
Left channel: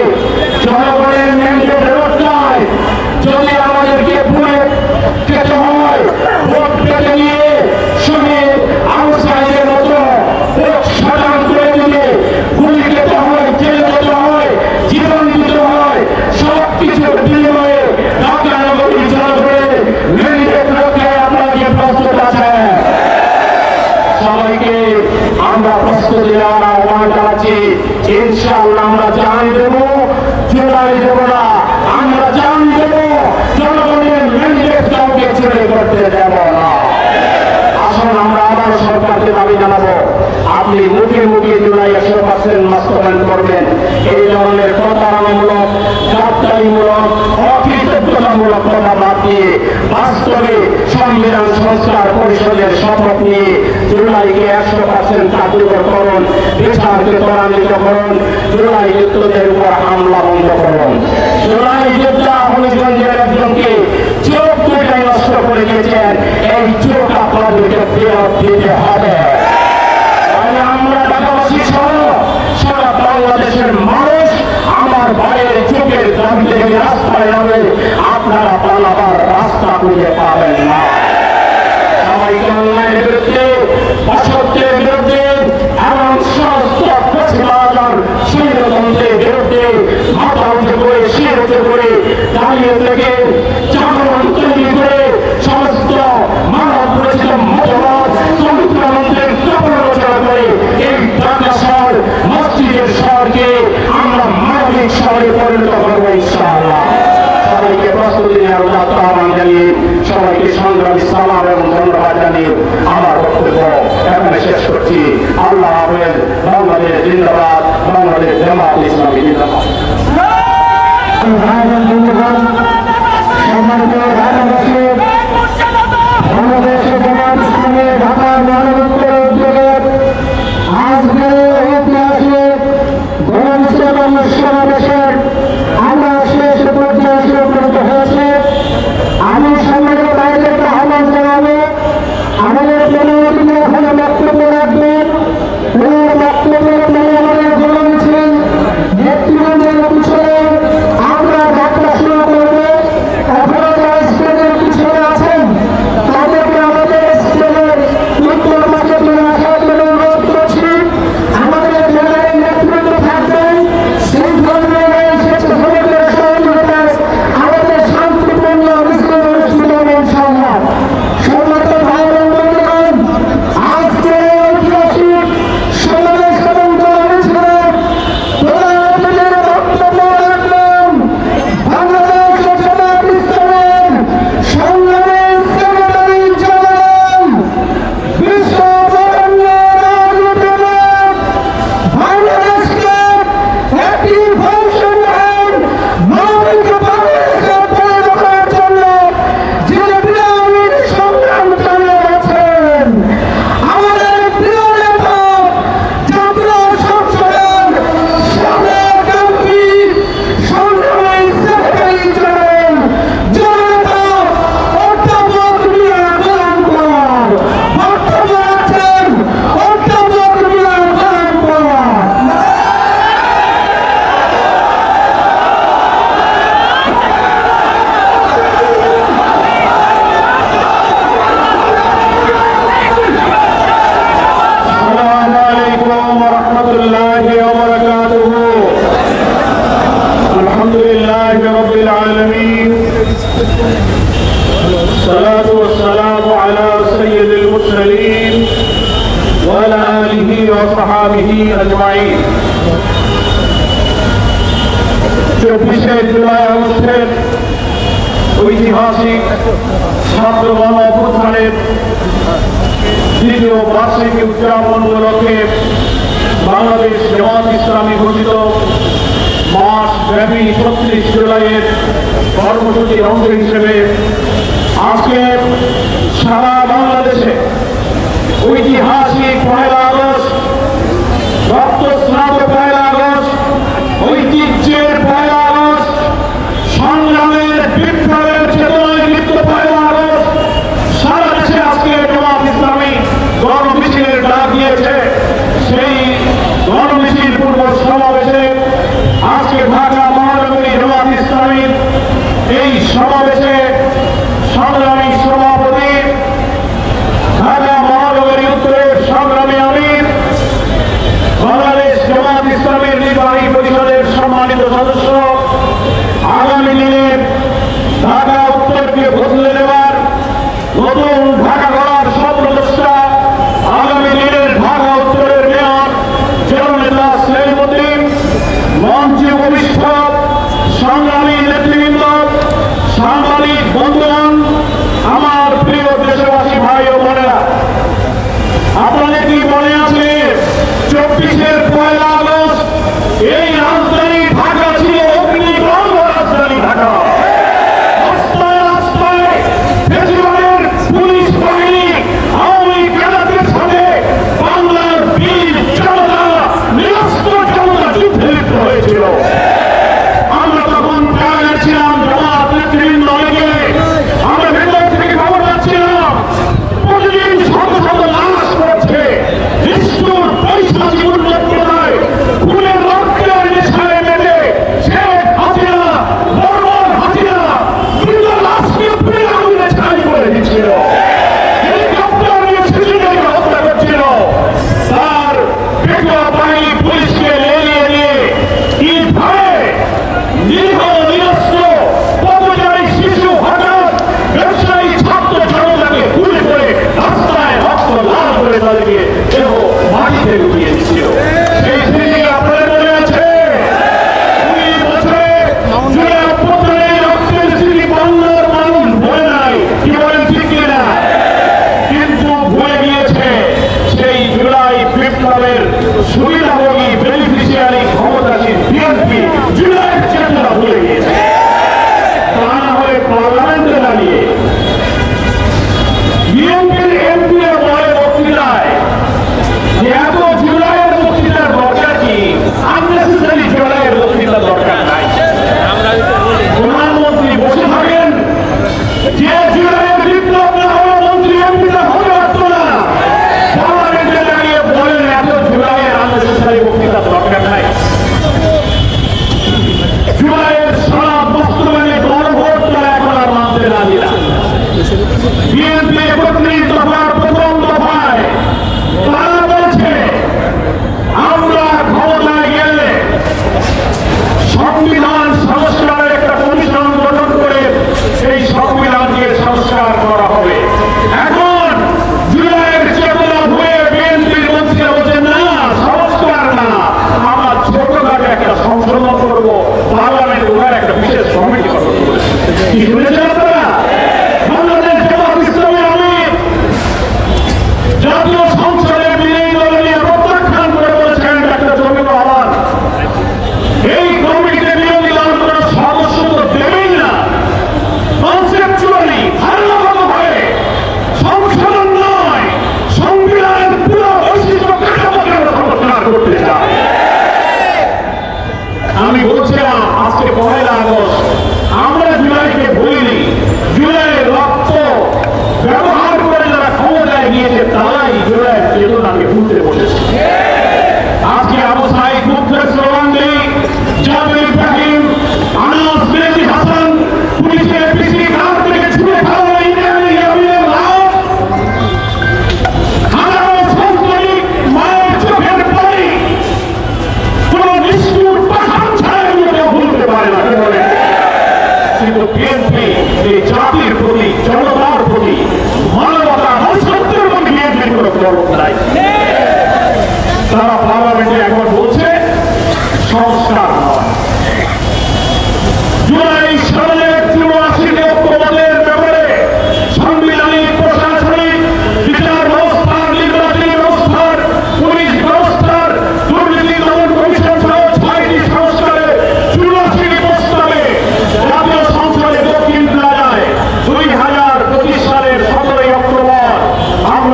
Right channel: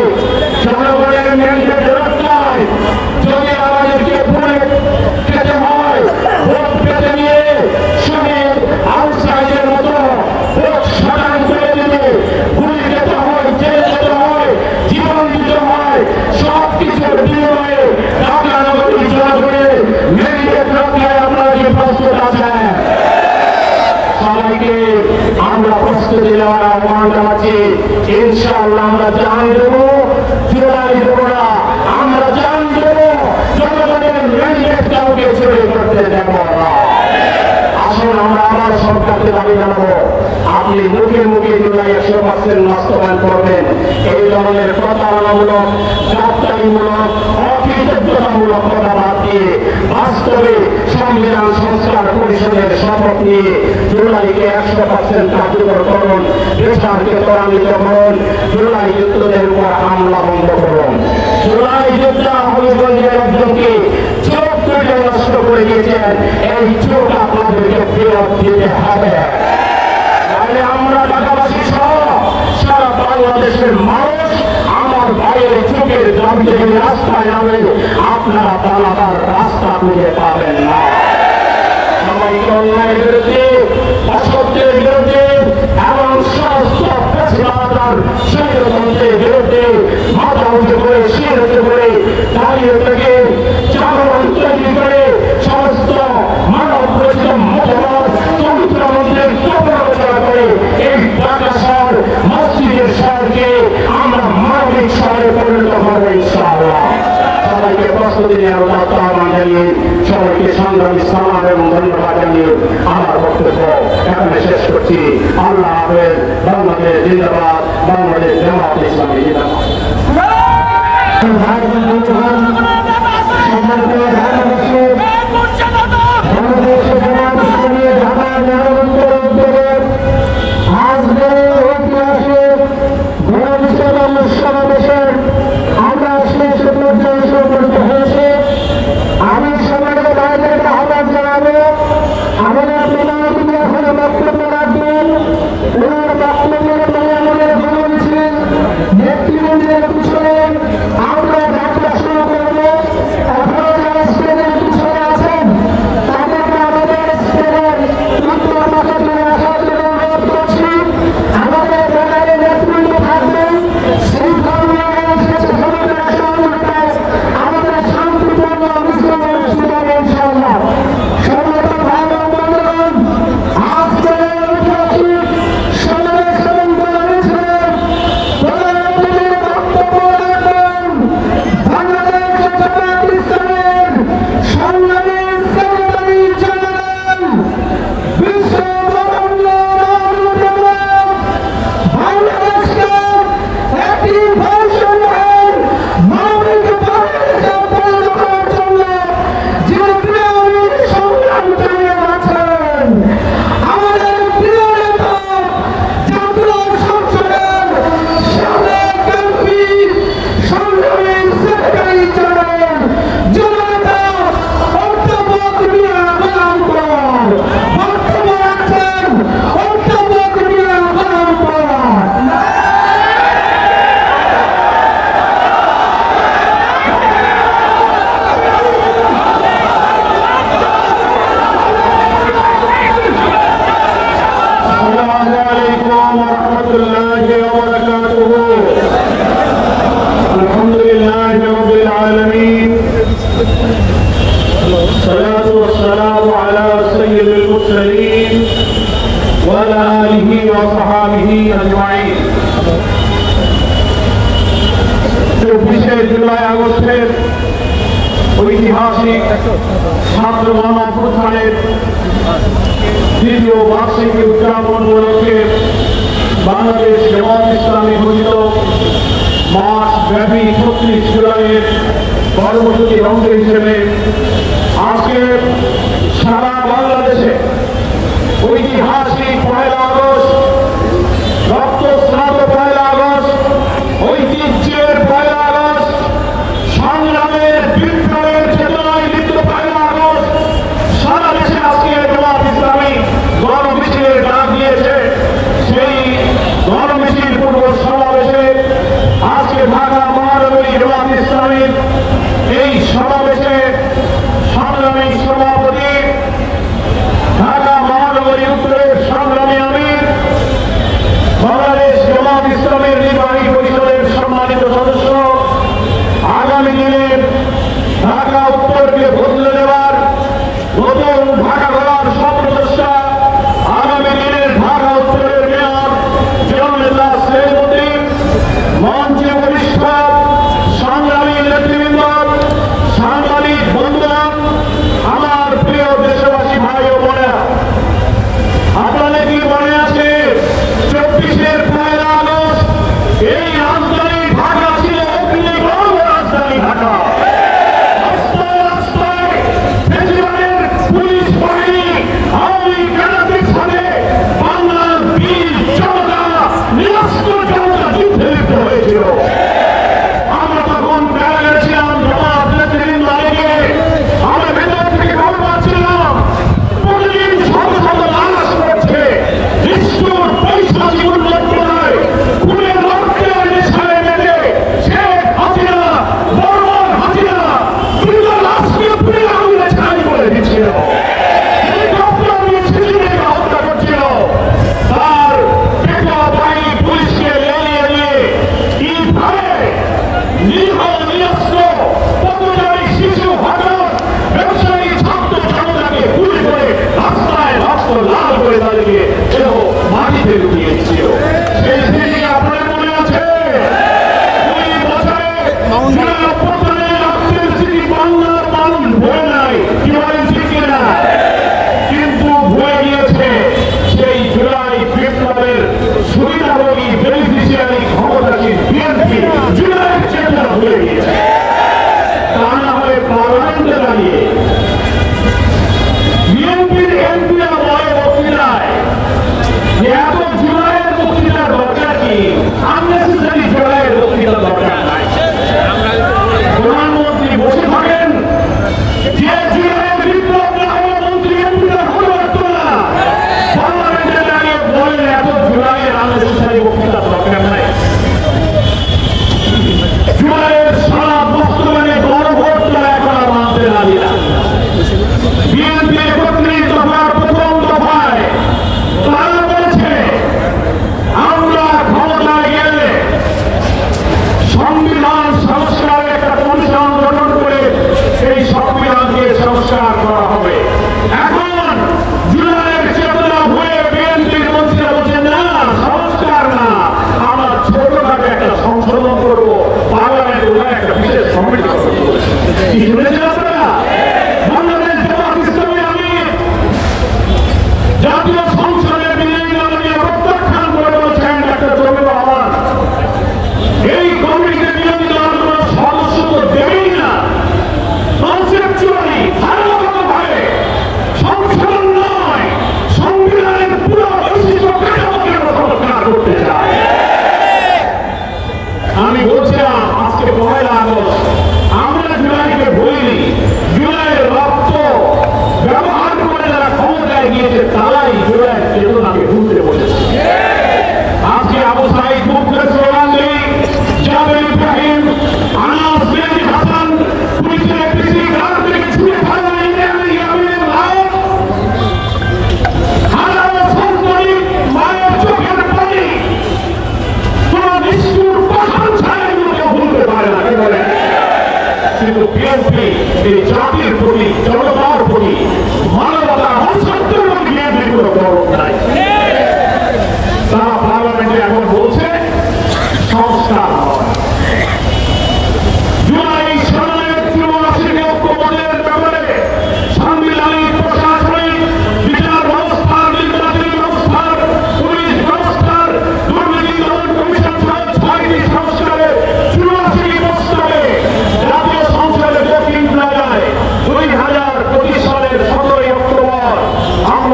জনগণের ম্যান্ডেট রক্ষায় যদি আমাদেরকে ভুলে খেতে হয়, ভোট পেতে নিয়ে শহীদ আউটসাইডের মতো ভোট সাধারণ করে দিলে গুলি খেতে হয়, জেলে যেতে হয়, জীবন দিতে হয়, সব কিছুর বিনিময়ে ঢাকা নগরীর জনগণের ম্যান্ডেট রক্ষায় আপনারা কি প্রস্তুত আছেন? সবাইকে আমরা প্রস্তুতি নেওয়ার আহ্বান জানাচ্ছি। ইনশাআল্লাহ আমরা জান দেব, জুলাই দেব না, আমরা জান দেব, জনগণের ম্যান্ডেট কাউকে চুরি করতে দেব না। আসুন আমরা আবার সরকারকে দাবি জানাবো, আপনি মুখে মুখে জুলাই 100% বাস্তবায়ন করবেন। এই ধরনের প্রতারণামূলক, যাত্রামূলক, অকৃতজ্ঞতামূলক কথা বাদ দিয়ে বাস্তবে সংবিধান সংস্কার পরিষদের শপথ নিয়ে জুলাইকে 100% কার্যকর করুন, বিচারকে ত্বরান্বিত করুন, জুলাই যুদ্ধদের উপর হামলা বন্ধ করুন। জুলাই যোদ্ধা হবিগঞ্জের একজনকে চোখ দুটো নষ্ট করে দিয়েছেন, এই চোখ আপনাদেরকে ফেরত দিতে হবে। তাহলে আমরা ঢাকাবাসী সহ সারা বাংলাদেশের মানুষ আমার ভাইয়ের চোখের দাবি থেকে রাস্তায় নামে আপনারা পালাবার রাস্তা খুঁজে পাবেন না। সবাইকে অন্যায়ের বিরুদ্ধে, অসত্যের বিরুদ্ধে, এমন সমস্ত ফ্যাসিবাদ স্বৈরতন্ত্রের বিরুদ্ধে মাথা উঁচু করে শির উঁচু করে দাঁড়িয়ে থেকে জাগরণ তৈরি করে সমস্ত মানব রচিত মতবাদ চরিত্রমন্ত্রের প্রচার করে এই ঢাকা শহর মসজিদের শহরকে আমরা মানবিক শহরে পরিণত করবো ইনশাআল্লাহ। সবাইকে প্রস্তুতি নেওয়ার আহ্বান জানিয়ে, সবাইকে সংগ্রামী সালাম এবং ধন্যবাদ জানিয়ে আমার বক্তব্য এখানে শেষ করছি। আল্লাহ হাফেজ। বাংলাদেশ জিন্দাবাদ, বাংলাদেশ জামাত ইসলামী জিন্দাবাদ। বাংলাদেশ জামাত ইসলামী ঢাকা মহানগর উদ্যোগের আজকের ঐতিহাসিক সমাবেশের আমরা শেষ পর্যায়ে সম্পর্ক হয়েছে। আমি সম্মানিত বাইরের আহ্বান জানাবো, আমাদের জনগণকে এখানে বক্তব্য রাখবেন। এই বক্তব্যের পরে আমাদের জনমিছিল নেতৃবৃন্দের পিছনে আমরা যাত্রা শুরু করবো। এখনো যারা স্টেজের পিছনে আছেন তাদেরকে আমাদের স্টেজের উত্তর পাশে চলে আসার জন্য অনুরোধ করছি। আমাদের জায়গায় নেতৃত্ব থাকবেন, শৃঙ্খলা স্বেচ্ছাসেবকের সহযোগিতায় আমাদের শান্তিপূর্ণ মিছিল অনুষ্ঠিত হবে ইনশাআল্লাহ। সম্মানিত ভাই ও বন্ধুগণ, আজকে ঐতিহাসিক সমাবেশ এবং মিছিলের প্রধান অতিথির বক্তব্য রাখবেন বাংলাদেশ জামাত ইসলামের সংগ্রামী সেক্রেটারি জেনারেল বিশ্ব বরেণ্য রাজনীতিবিদ, বাংলাদেশকে একটি বৈষম্যহীন মানবিক বাংলাদেশে পরিণত করার জন্য যিনি বিরাট সংগ্রাম চালিয়ে যাচ্ছেন, আমাদের প্রিয় নেতা জাতীয় সংসদের সাবেক এমপি সংগ্রামী সেক্রেটারি জেনারেল জননেতা অধ্যাপক মিয়া গোলাম পরোয়ার বক্তব্য রাখছেন। অধ্যাপক মিয়া গোলাম পরোয়ার। السلام عليكم ورحمة الله وبركاته. الحمد لله رب العالمين، الصلاة والسلام على سيد المرسلين وعلى آله وصحابه أجمعين. 24শে জুলাই আগস্টের ঐতিহাসিক ছাত্র গণ অভ্যুত্থানের দ্বিতীয় বার্ষিকী উদযাপন উপলক্ষে বাংলাদেশ জামাত ইসলামী ঘোষিত মাস ব্যাপী 36 জুলাইয়ের কর্মসূচির অংশ হিসেবে আজকে সারা বাংলাদেশে ঐতিহাসিক 1 আগস্ট, রক্তস্নাত 1 আগস্ট, ঐতিহ্যের 1 আগস্ট, সংগ্রামের বিপ্লবের চেতনায় লিপ্ত 1 আগস্ট সারা দেশে আজকে জামাত ইসলামী গণমিছিলের ডাক দিয়েছে। সেই গণমিছিল পূর্ব সমাবেশে আজকে ঢাকা মহানগরী জামাত ইসলামীর এই সমাবেশে সংগ্রামী সভাপতি, ঢাকা মহানগরী উত্তরের সংগ্রামী আমির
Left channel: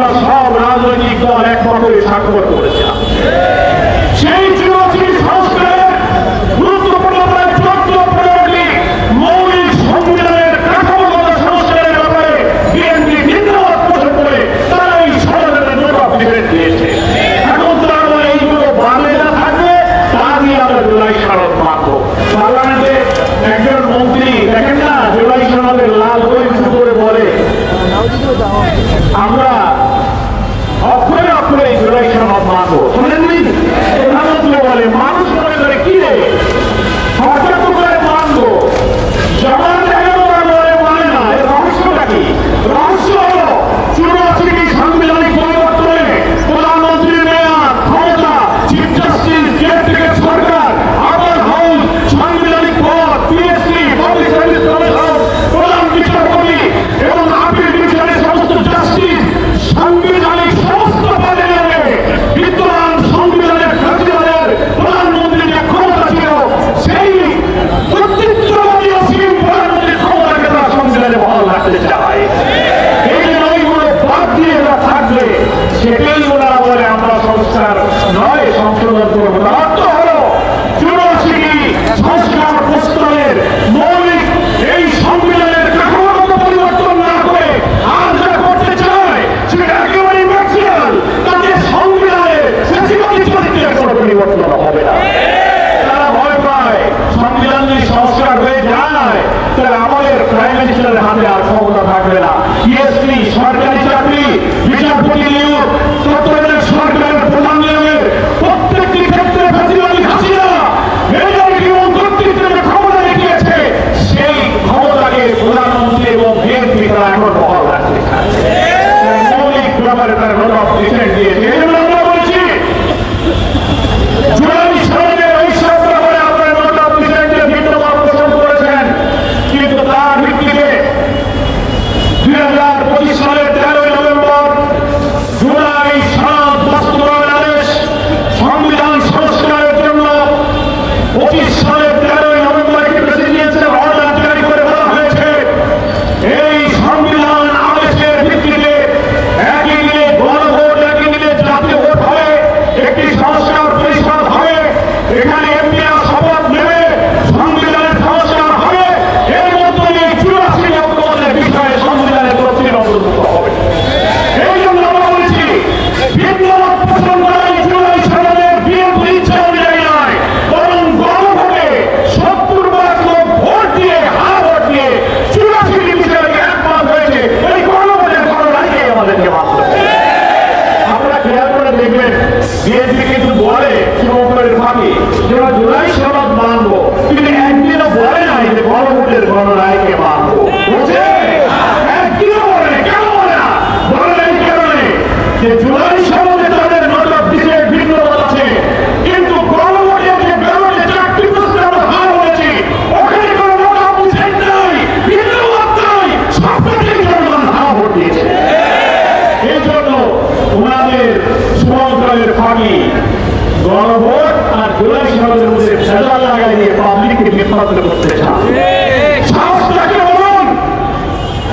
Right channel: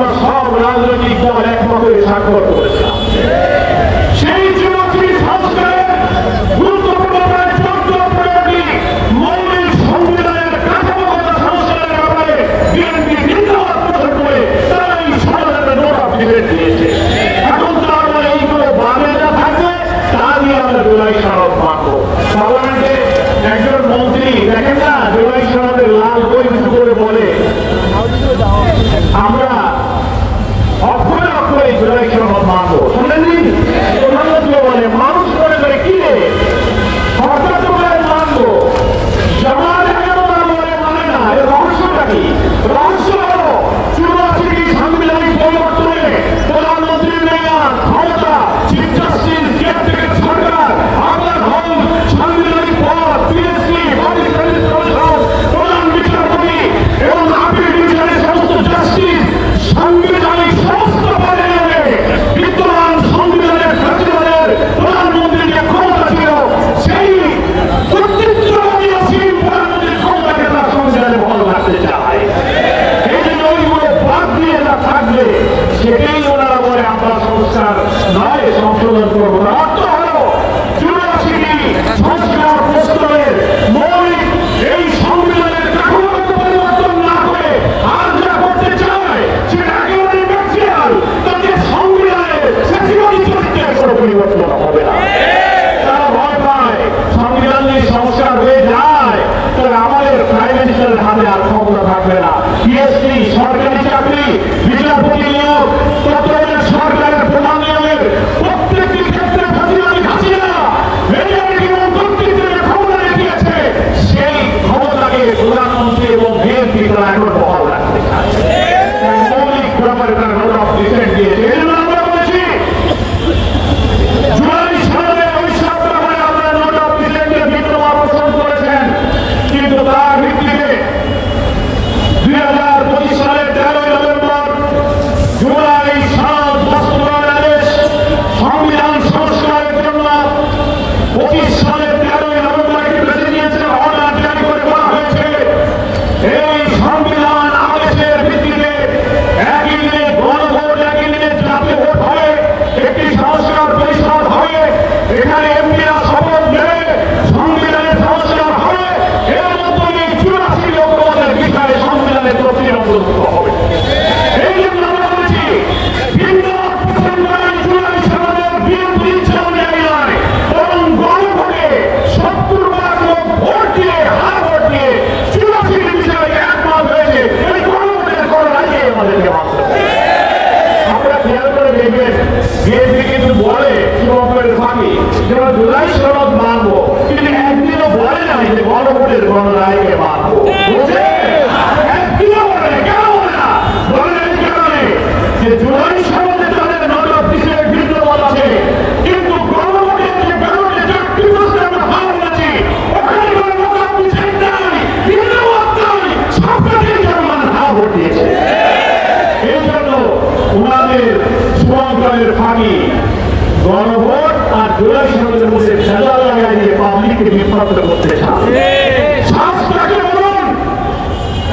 আমরা সব রাজনৈতিক দল একমতে স্বাক্ষর করেছিলাম। সেই চুরাশির সংস্কারের গুরুত্বপূর্ণ প্রায় 14-15টি মৌলিক সংবিধানের কাঠামোগত সংস্কারের ব্যাপারে বিএনপি ভিন্নমত পোষণ করে তারা এই সমাধানের নোট অফ ডিফেন্স দিয়েছে। এখন তার মানে এইগুলো বাদে না থাকবে, তা দিয়ে আমরা জুলাই সনদ মানব। পার্লামেন্টে একজন মন্ত্রী দেখেন না, জুলাই সনদের লাল বই উঁচু করে বলে আমরা অক্ষরে অক্ষরে এই জুলাই সনদ মানব। শুনেননি? প্রধানমন্ত্রী বলে, মানুষ মনে করে কি রে সরকার তো মানব, জমার জায়গাও মানে না। এর রহস্যটা কি? রহস্য হলো 84টি সাংবিধানিক পরিবর্তনে প্রধানমন্ত্রীর মেয়াদ, ক্ষমতা, চিফ জাস্টিস, কেয়ারটেকার সরকার, আবার হাউস, সাংবিধানিক পদ, পিএসসি, পাবলিক সার্ভিস কমিশন, প্রধান বিচারপতি এবং আপিল বিচারের সমস্ত জাস্টিস, সাংবিধানিক সমস্ত পদে নিয়ে বিদ্যমান সংবিধানের কার্যকরের প্রধানমন্ত্রীর যে ক্ষমতা ছিল, সেই কর্তৃত্ববাদী অসীম প্রধানমন্ত্রীর ক্ষমতাকে তারা সংবিধানে বহাল রাখতে চায়। এই জন্য এইগুলো বাদ দিয়ে যা থাকবে সেটাই ওনারা বলে আমরা সংস্কার নয় সংশোধন করবো। তার অর্থ হলো 84টি সংস্কার প্রস্তাবের মৌলিক এই সংবিধানের কাঠামোগত পরিবর্তন না করে আর যা করতে চায় সেটা একেবারে ন্যাচারাল। তাদের সংবিধানের ফ্যাসিবাদী চরিত্রের কোনো পরিবর্তন হবে না। তারা ভয় পায় সংবিধান যদি সংস্কার হয়ে যায় তাহলে আমাদের প্রাইম মিনিস্টারের হাতে আর ক্ষমতা থাকবে না। পিএসসি, সরকারি চাকরি, বিচারপতি নিয়োগ, তত্ত্বাবধায়ক সরকারের প্রধান নিয়োগের প্রত্যেকটি ক্ষেত্রে ফ্যাসিবাদী হাসিনা মেজরিটি এবং কর্তৃত্বের ক্ষমতা দিয়েছে। সেই ক্ষমতাকে প্রধানমন্ত্রী এবং বিএনপি তারা এখন বহাল রাখতে চায়। মৌলিক ব্যাপারে তারা নোট অফ ডিফেন্স দিয়েছে। এই জন্য আমরা বলছি জুলাই সনদের এই সব ব্যাপারে আপনারা নোট অফ ডিফেন্সের ভিন্নমত পোষণ করেছেন, কিন্তু তার ভিত্তিতে 2025 সালের 13ই নভেম্বর জুলাই সনদ বাস্তবায়ন আদেশ সংবিধান সংস্কারের জন্য 25 সালের 13ই নভেম্বর একটি প্রেসিডেন্সিয়াল অর্ডার জারি করে বলা হয়েছে এই সংবিধান আদেশের ভিত্তিতে একই দিনে গণভোট, একই দিনে জাতীয় ভোট হবে, একটি সংস্কার পরিষদ হবে, এখানে এমপিরা শপথ নেবে, সংবিধানের সংস্কার হবে। এর মধ্যে 84 ঐক্যমতের বিষয়ে সংবিধানের প্রতিদিন অন্তর্ভুক্ত হবে। এই জন্য আমরা বলেছি ভিন্নমত পোষণ করা জুলাই সনদের বিএনপির ইচ্ছা অনুযায়ী নয়, বরং গণভোটে 70% লোক ভোট দিয়ে, হার ভোট দিয়ে 84টি বিষয়ে একমত হয়েছে। এই গণভোটের কোনো রায়কে আমাদেরকে মানতে হবে। আপনারা খেয়াল করে দেখবেন বিএনপি কিন্তু বলে শুভঙ্করের ফাঁকি যেটা জুলাই সনদ মানবো, কিন্তু একদিনও বলে নাই যে গণভোটের গণরায়কে মানবো। বুঝে একদিনও বলে না। কেন বলে না? বলে এই কারণে যে জুলাই সনদে তাদের নোট অফ ডিফেন্স ভিন্নমত আছে, কিন্তু গণভোটের যে ব্যাপারে 4টি প্রশ্নে আমরা হার হয়েছি ওখানে কোনো নোট অফ ডিফেন্স নাই, ভিন্নমত নাই, সবটাই মুসলমান হার ভোট দিয়েছে। এই জন্য ওনাদের শুভঙ্করের ফাঁকি গণভোট আর জুলাই সনদের মধ্যে ভেজাল লাগাই দিয়ে পাবলিককে বিভ্রান্ত করতে চায়। সাহসটাকে বলুন।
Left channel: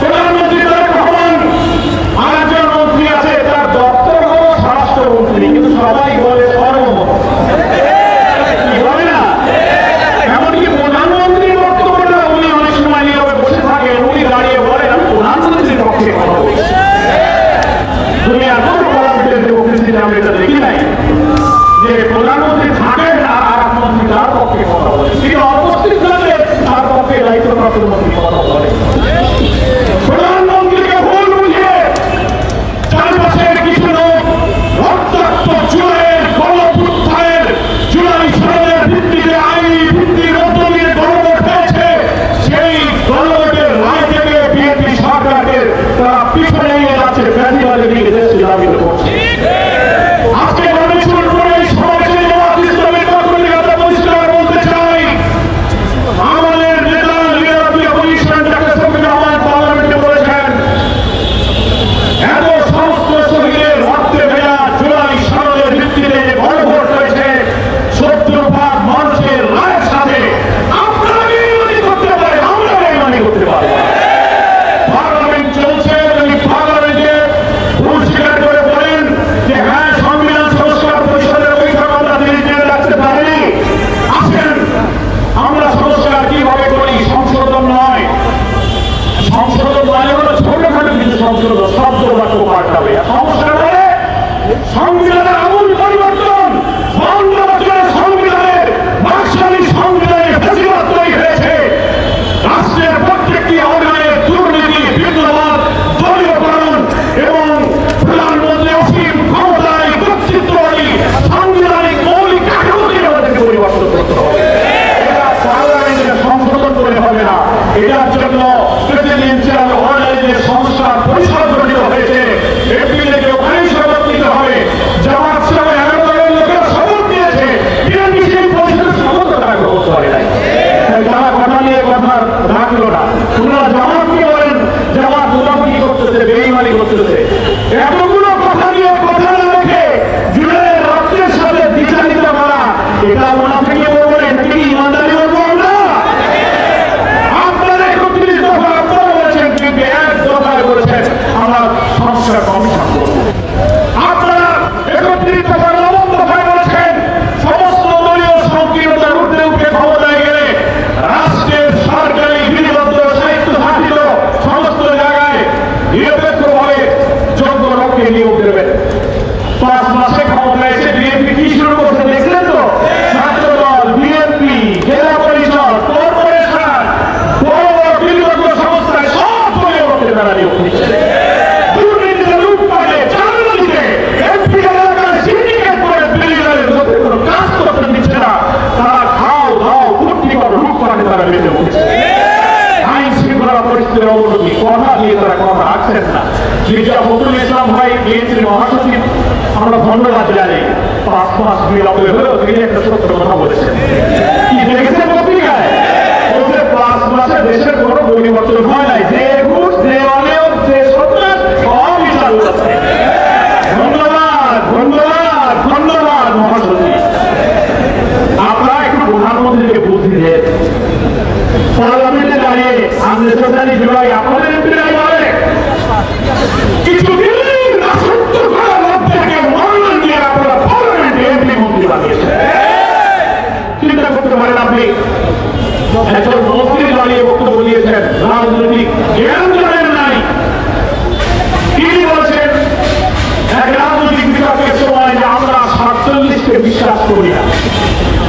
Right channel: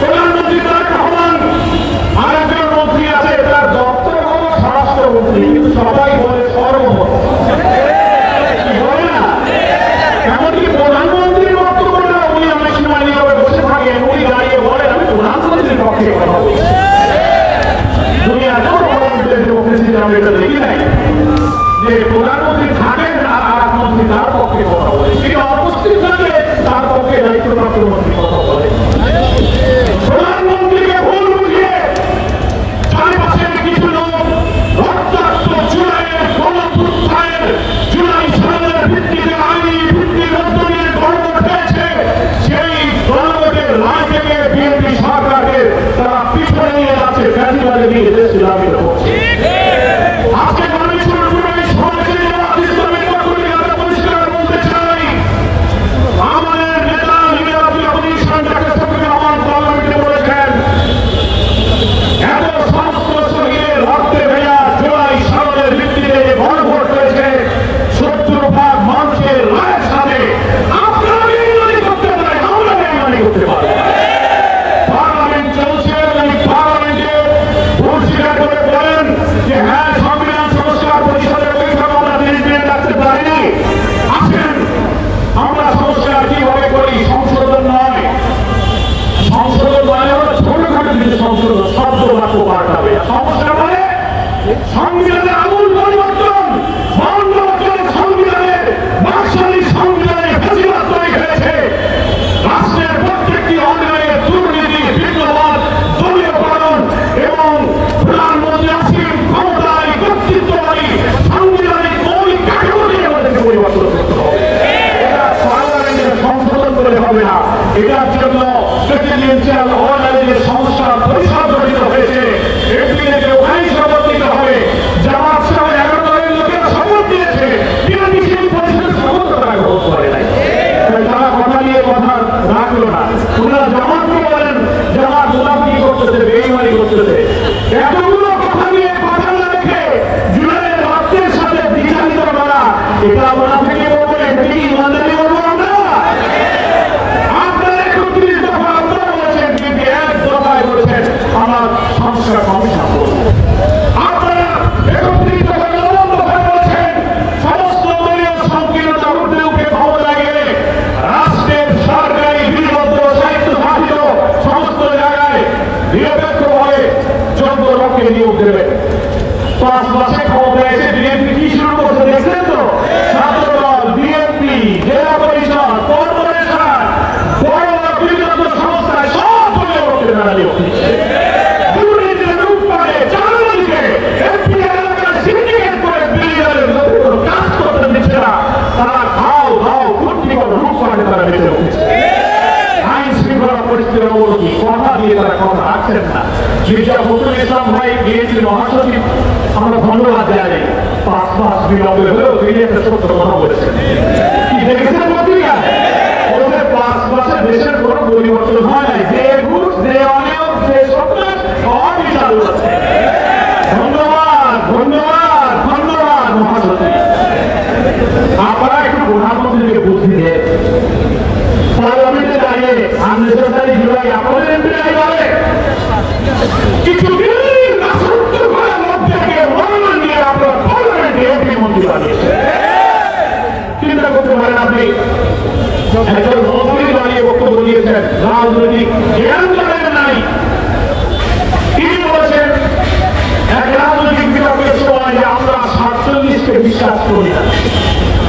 প্রধানমন্ত্রী তারেক রহমান আর একজন মন্ত্রী আছে, তার দপ্তর হল স্বরাষ্ট্রমন্ত্রী, কিন্তু সবাই বলে সর্বমত। কি বলে না? এমনকি প্রধানমন্ত্রীর বক্তব্যটা উনি অনেক সময় নীরবে বসে থাকেন, উনি দাঁড়িয়ে বলেন আমি প্রধানমন্ত্রীর পক্ষে কথা বলছি। দুনিয়ার কোনো প্রধানমন্ত্রীর ডেমোক্রেসিতে আমরা এটা দেখি নাই যে প্রধানমন্ত্রী থাকেন আর আরেক মন্ত্রী তার পক্ষে কথা বলে, তিনি অনুপস্থিত থাকলে তার পক্ষে দায়িত্বপ্রাপ্ত মন্ত্রী কথা বলে। প্রধানমন্ত্রীকে ভুল বুঝিয়ে চারপাশের কিছু লোক রক্তাক্ত জুলাইয়ের গণঅভ্যুত্থানের জুলাই সনদের ভিত্তিতে আইনি ভিত্তির মধ্য দিয়ে গণভোট হয়েছে, সেই গণভোটের রায় থেকে বিএনপি সরকারকে তারা পিছনে নিয়ে যাচ্ছে, ফ্যাসিবাদী দিকে দেশ নিলামিত করছে। আজকে গণেশপুর করে সমাজের জামাত ইসলামের পক্ষ থেকে আমরা পরিষ্কার বলতে চাই, আমাদের নেতা leader opposition doctor Shafiqur Rahman পার্লামেন্টে বলেছেন এত সমস্ত শহীদের রক্তে ভেজা জুলাই সনদের ভিত্তিতে যে গণভোট হয়েছে 70% মানুষের রায়ের সাথে আপনারা বেইমানি করতে পারেন, আমরা বেইমানি করতে পারবো না। পার্লামেন্ট চলছে, পার্লামেন্টে ভুল স্বীকার পাল্টাবে। সমস্যা মানে সংবিধানের আমূল পরিবর্তন। 52 বছরের সংবিধানের বাকশালী সংবিধানের ফেসিবাদ তৈরি হয়েছে। রাষ্ট্রের প্রত্যেকটি অঙ্গনে দুর্নীতি, বিদ্রোহ, দলীয়করণ এবং প্রধানমন্ত্রী অসীম ক্ষমতায় কর্তৃত্ববাদী সাংবিধানিক মৌলিক কাঠামোকে আমাদেরকে পরিবর্তন করতে হবে। এটা পার্লামেন্টে সংশোধন করে হবে না। এটার জন্য প্রেসিডেন্সিয়াল অর্ডারের সংস্কার পরিষদ গঠিত হয়েছে। এপ্রিলে ওখানেই শপথ নিতে হবে। জামাত সহ 11 দলের লোকেরা শপথ নিয়েছে, বিরোধী সেই পরিষদের শপথ তারা গ্রহণ করে নাই। তারা কথা নিয়ে কথা রাখলো না। ওনারা জামাতকে বলেন জামাত মুনাফিকি করতেছে, বেঈমানি করতেছে। এতগুলো কথা নিয়ে কথা না রেখে জুলাইয়ের রক্তের সাথে বিচারিত করা, এটা মুনাফিকি বলবো না, এটা কি ইমানদারি বলবো আমরা? আপনারা 31 দফা আপনারা বলেছেন, কিন্তু 1 দফায় বলেছেন আমরা সংস্কার কমিশন করবো। আপনারা 31 দফা 9 দফায় বলেছেন সমস্ত দলীয় সংকীর্ণতার ঊর্ধ্বে উঠে ক্ষমতায় গেলে রাষ্ট্রের সরকারি বিধিবদ্ধ স্বায়ত্তশাসিত সমস্ত জায়গায় নিরপেক্ষভাবে যোগ্য লোককে নিয়োগ দেবেন। 5 মাসে ক্ষমতায় এসে বিএনপি কি শুরু করতে দেখলেন তো? ছাত্রদল, বিএনপি, জেলা পরিষদ, কর্পোরেশন, বড় বড় বিধিবদ্ধ সংস্থায় সব দলীয় লোকের মেলা নিয়োগ দিচ্ছে। দুর্নীতিতে লুটপাটে চাঁদাবাজিতে এমপি এলাকার সিন্ডিকেট করে বিলিয়নের মধ্যে কোনো কাজ করতে দিচ্ছে না। তারা খাও দাও কুটনি করো লুটপাটে তারা মেতে উঠেছে। আইন শৃঙ্খলা পরিস্থিতির অবনতি, কথা দিয়ে তারা কথা রাখছেন না। মির্জা ফখরুল ইসলাম ভাই বিএনপির মহাসচিব, আমরা ধন্যবাদ জানাই। 5 মাস বিলম্বে হলেও তিনি একটা সত্য কথা বলেছেন। কি দেখেছেন পত্রিকায়? ওদের 5 মাসে দেশের কোনো পরিবর্তন হয় নাই। যে ঘুষ, যে অনিয়ম, যে সন্ত্রাস সবই চালু আছে। ধন্যবাদ ধন্যবাদ ধন্যবাদ মহাসচিব। আপনারা একটু প্রধানমন্ত্রীকে বুদ্ধি দিয়ে পার্লামেন্টে দাঁড়িয়ে 29 জুলাই আপনাদের এমপিরাই বলে কিছু দিল্লির রাষ্ট্র করার মধ্যে মনোনয়ন নিয়ে আপনারা পার্লামেন্টে এমপি মন্ত্রী বানিয়েছেন। চিন্তা করতে পারেন আপনি, একজন মন্ত্রী দাঁড়িয়ে বক্তব্য দিয়েছেন, রাজনৈতিক জ্ঞান করেন নাই। তিনি বলছেন এক রাজনৈতিক বিতর্কের সময় যে আমরা 47কে বিশ্বাস করি না।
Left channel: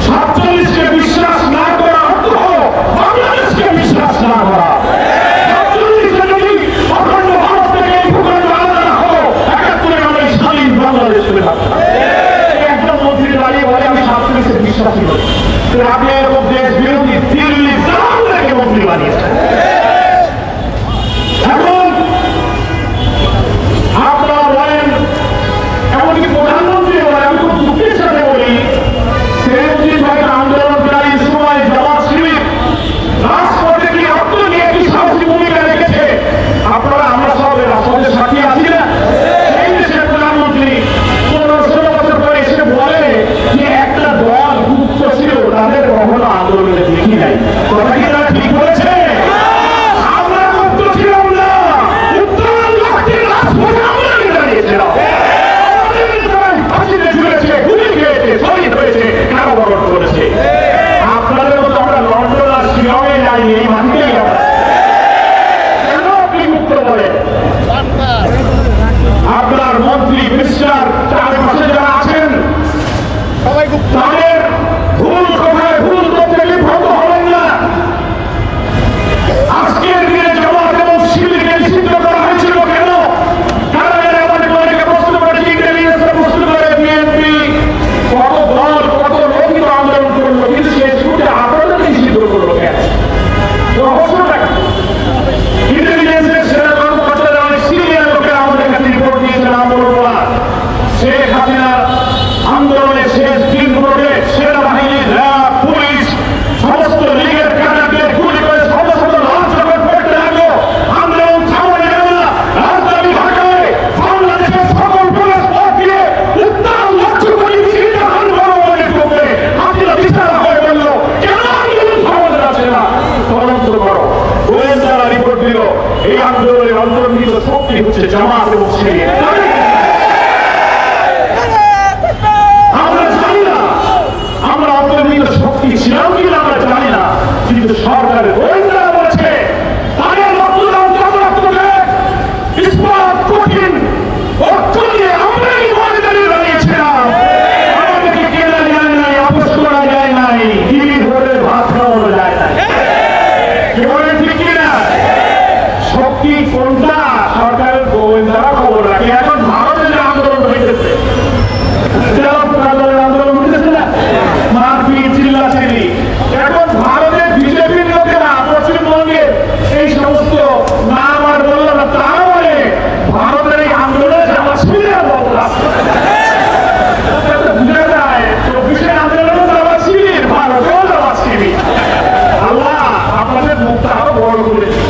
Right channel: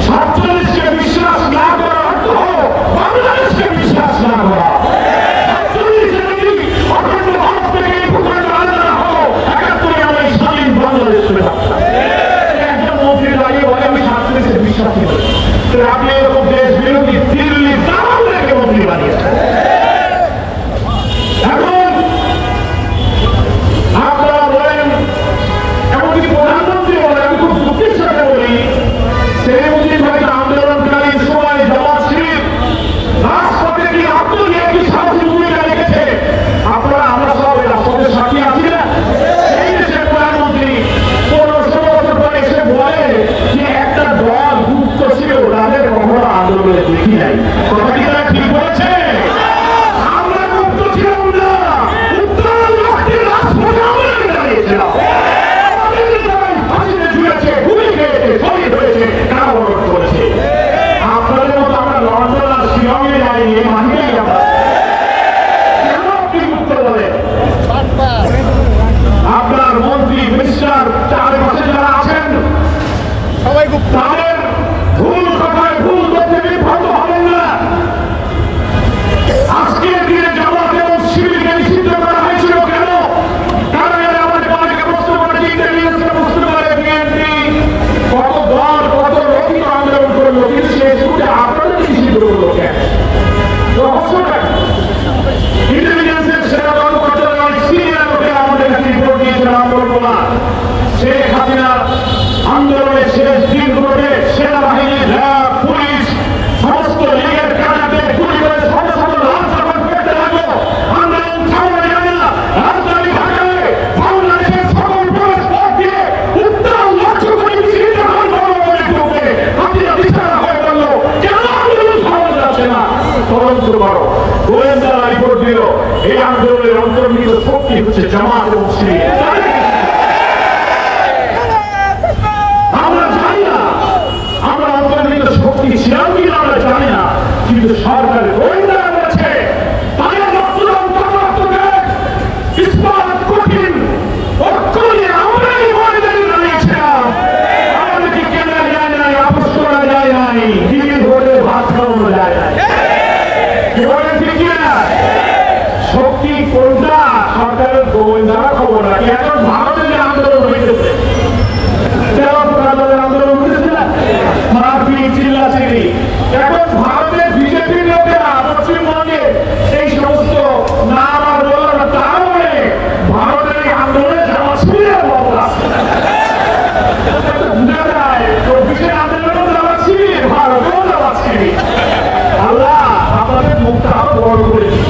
47কে বিশ্বাস না করা অর্থ হল বাংলাদেশকে বিশ্বাস না করা। 47কে যদি অখণ্ড ভারত থেকে এই ভূখণ্ড আলাদা হতো, 71 আমরা স্বাধীন বাংলাদেশ পেয়ে থাকতাম। একজন মন্ত্রী দাঁড়িয়ে বলে আমি 47কে বিশ্বাসী নই। আপনি এরকম দেশ বিরোধী দিল্লি তাহলে মন্ত্রী বানিয়েছেন। এখন আপনারা বলেন, এমনকি প্রধানমন্ত্রী বলেন, আমি খুব দুঃখের সাথে বলি, সেদিন হয়তো আন্দোলনকারীর সময় জামাত শিবির রাজপথে কি রক্ত নিয়ে কি সাহসী ভূমিকা রেখেছে। আপনারা আমরা সব রাজপথে সাক্ষী আছি না? এই দেশের প্রধানমন্ত্রী 15-16 বছর পরে এসে বলে যে একটা দল গুপ্ত ছিল, তাদের কখনো আন্দোলনে দেখি নাই। কথা কি তারা ঠিক হয়েছে? আমরা গুপ্ত ছিলাম না, উত্তর লক্ষ্মীর রাজপথে আমরা দাঁড়িয়েছিলাম। আপনাদের মতো আমরা লন্ডন আর শিলংয়ে যাইনি, এই মাটিতেই আমরা। কেন আপনি মুক্ত বলেন? আপনার মন্ত্রী মিনিস্টার চারপাশে যারা আছেন তাদের ভুল কথায় ভুল তথ্যে বিভ্রান্ত হবেন না। আজকের দিনে জামাত এবং শিবিরকে নিষিদ্ধ করা হয়েছিল কেন? তারা আমাদের অনেকে প্রশ্ন করে, ইন্টেলিজেন্সকে প্রশ্ন করে, বিএনপি কত দল কত লোকিত আন্দোলন করলো, কিন্তু শেষ করে আপনাদের নিষিদ্ধ করলো কেন? রহস্যটা কি? ইন্টেলিজেন্সের সেরা কর্মকর্তারা অনেক সিনিয়র লোকেরা আমাদের কাছে রিপোর্ট দিয়েছেন, নাম বলবো না। শেখ হাসিনার আন্দোলনের শেষ দিনগুলোতে সেনাবাহিনী, র্যাব, পুলিশ সমস্ত লীগের ক্যাডারদের গুলি করে শত শত লাশ যখন পড়তে লাগলো, আন্দোলন থামানো গেল না। রাজধানী ঢাকায় বাংলাদেশের সকল প্রবেশ পথ দিয়ে উত্তর লক্ষ্য করে হাসিনা দিশারা হয়ে বলল কেন আন্দোলন থামানো যাচ্ছে না, তদন্ত করো। গোয়েন্দারা রিপোর্ট দিল এই আন্দোলনের অন্তর্নিহিত শক্তি হচ্ছে জামাত এবং শিবির। জনতা দলের আন্দোলন উঠেছে না, মারপিট চিল্লাচিল্লি। এখন ভারতের বিজেপির লোকেরা পশ্চিমবঙ্গে এই সমস্ত নাম আর বললো না, তারা বলে ভারতের এই আন্দোলনে যাওয়া শিবিরের বাবুরা বুঝে যায় অফিসের আন্দোলনেও যাওয়া শিবির, ভারতেও যাওয়া শিবির। আল্লাহ আপনাদের মুখটা আরো বড় করে দিন।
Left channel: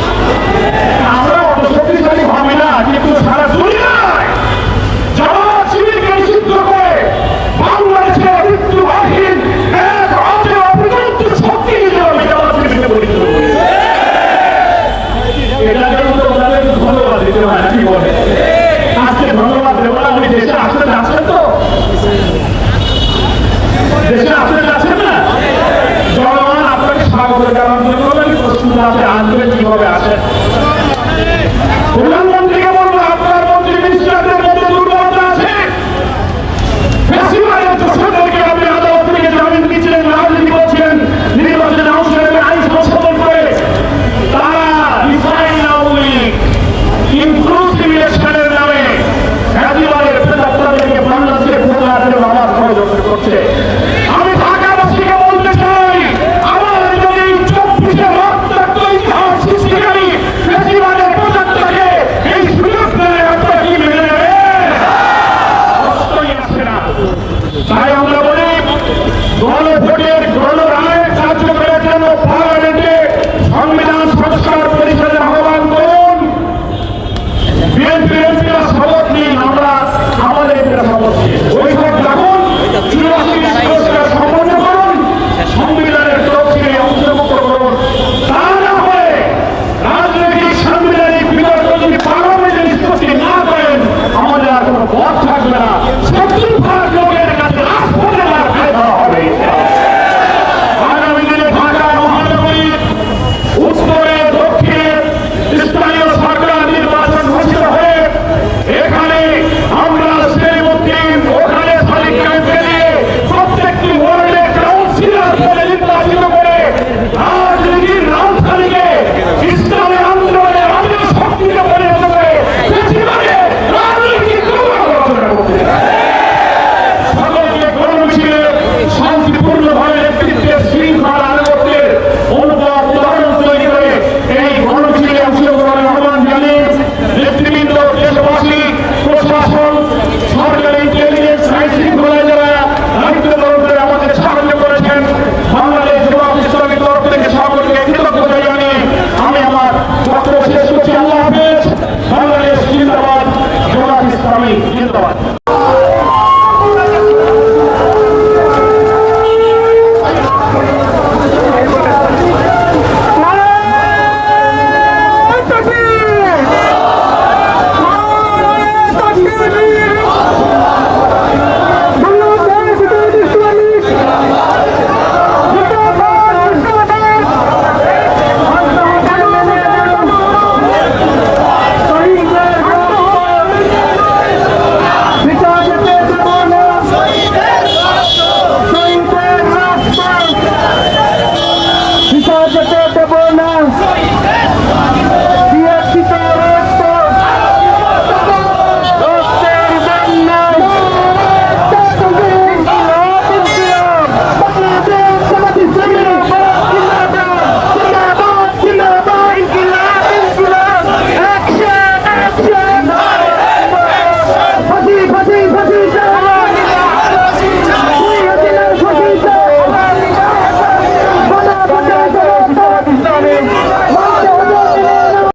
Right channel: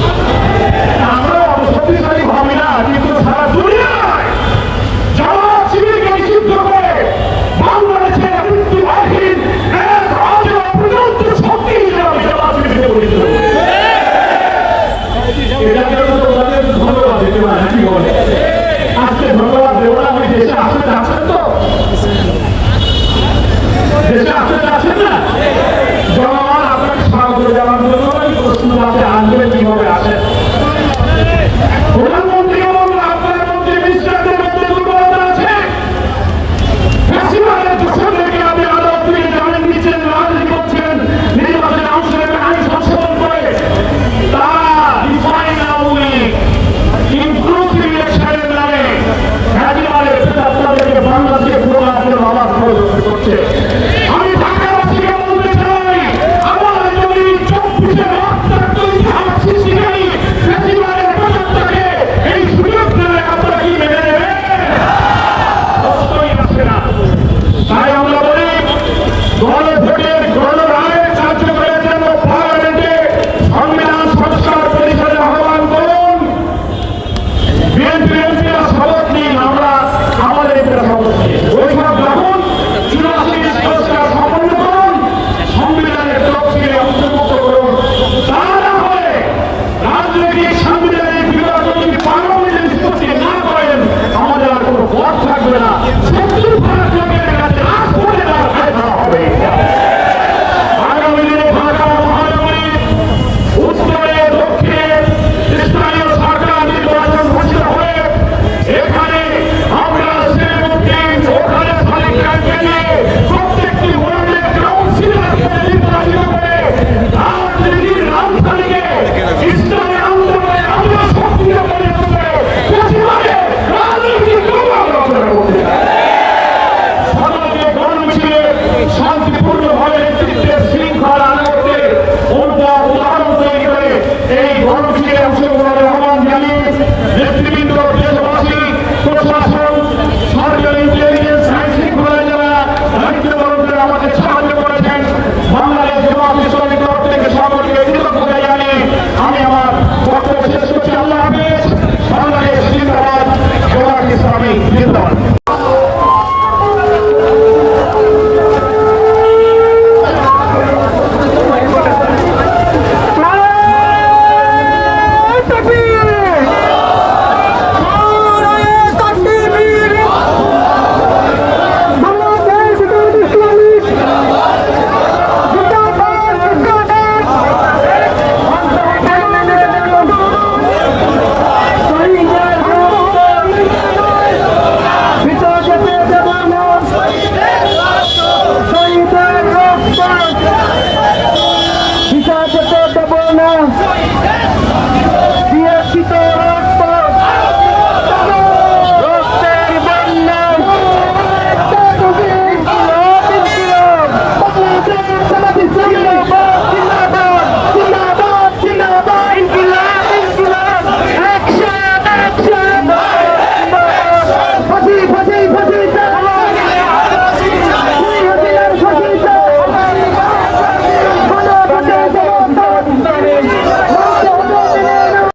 আমরা অত শক্তিশালী ভাবি না, কিন্তু সারা দুনিয়ায় জামাত শিবিরকে নিষিদ্ধ করে বাংলাদেশে মৃত্যুবাহীন এক অজেয় অপ্রতিরোধ্য শক্তি হিসেবে আমি জামাত শিবিরকে পরিচিত করি। এটাদের মধ্যে ওনাদের ধন্যবাদ দিতে হয় নাকি বলে? আজকে ধন্যবাদ দেবো না, উনি দেশে আসতে যাচ্ছেন তো, দেশে আসতে যাচ্ছেন না, জনগণ আপনাকে স্বাগত জানানোর জন্য প্রস্তুত আছে, আসবেন কিভাবে আসেন। প্রধানমন্ত্রীকে বলবো আপনার মন্ত্রী মিনিস্টারদের মধ্যে দুর্বলতা আছে, বেশিরভাগের দোষদেরকে আপনি আদালত থেকে জামিন দিচ্ছেন, রাজনীতি করছেন, নির্বাচনে অংশ নেবে আইন সংশোধন করে, তারা ডিফাইন আওয়ামী লীগ ইনক্লুসিভ ইলেকশনের নামে ফ্যাসিবাদের প্রেতাত্মাদেরকে বাংলাদেশে পড়ার জন্য আমার ষড়যন্ত্র করছে। আমি ঢাকাবাসীকে বলতে চাই, আমার যদি 24-এর রক্তাক্ত ইতিহাস সৃষ্টিকারী ফ্যাসিবাদের প্রেতাত্মাকে এই সুযোগ দিলে আপনারা কি মেনে নেবেন? কষ্টই আসে না। তাই আমরা বলি গণভোটের গণরায়ের কার্যকরের জন্য পার্লামেন্টে সংবিধান সংস্কার পরিষদের আহ্বান করুন। বিএনপির এমপিরা শপথ নিন, আমরা আমাদের এমপিরা শপথ নিন, বৈঠক রাখুন, 84 সংস্কার সম্পন্ন করুন, সংবিধানের তফসিলে অন্তর্ভুক্ত করুন। তা না হলে রাজনৈতিক সাংবিধানিক বিতর্ক যদি পার্লামেন্টে নিষ্পত্তি না করেন, আমাদের আর কোনো পথ থাকবে না। 70% লোকের কাছে রাজপথে আর ফায়দা হবে। আগামী দিনে ঢাকা মহানগরী উত্তরে দক্ষিণে স্থানীয় সরকার নির্বাচন ঘোষিত হয়ে এখানে আমরা সেলিমউদ্দিন ওখানে সালিক ক্যাম্পে নিয়ে প্রত্যেকটি ওয়ার্ডে কাউন্সিলর করে নির্বাচিত করে রাজনীতির রাজধানীকে ইসলামী আন্দোলনের আন্দোলন শক্তিতে পরিণত করে বেশিরভাগের রাজনীতির প্রভাব রচনা করতে চায়। সকলকে গণমিছিলে শান্তিপূর্ণভাবে নেতৃত্বের শৃঙ্খলা আনুগত্যের অনুভব উদাহরণ তৈরি করে এই গণমিছিলে অংশগ্রহণের আহ্বান জানিয়ে নেতৃবৃন্দ, দেশবাসী, প্রশাসন, সরকারি ইন্টেলিজেন্স, আইন শৃঙ্খলা যারা দায়িত্ব পালন করে আমাদের সাহায্য করেছেন, বাংলাদেশ জামাত ইসলামীর তরফ থেকে সকলকে কৃতজ্ঞতা জানিয়ে আমি আমার বক্তব্য শেষ করছি। আল্লাহ হাফেজ। বাংলাদেশ জিন্দাবাদ, জামাত ইসলামী জিন্দাবাদ।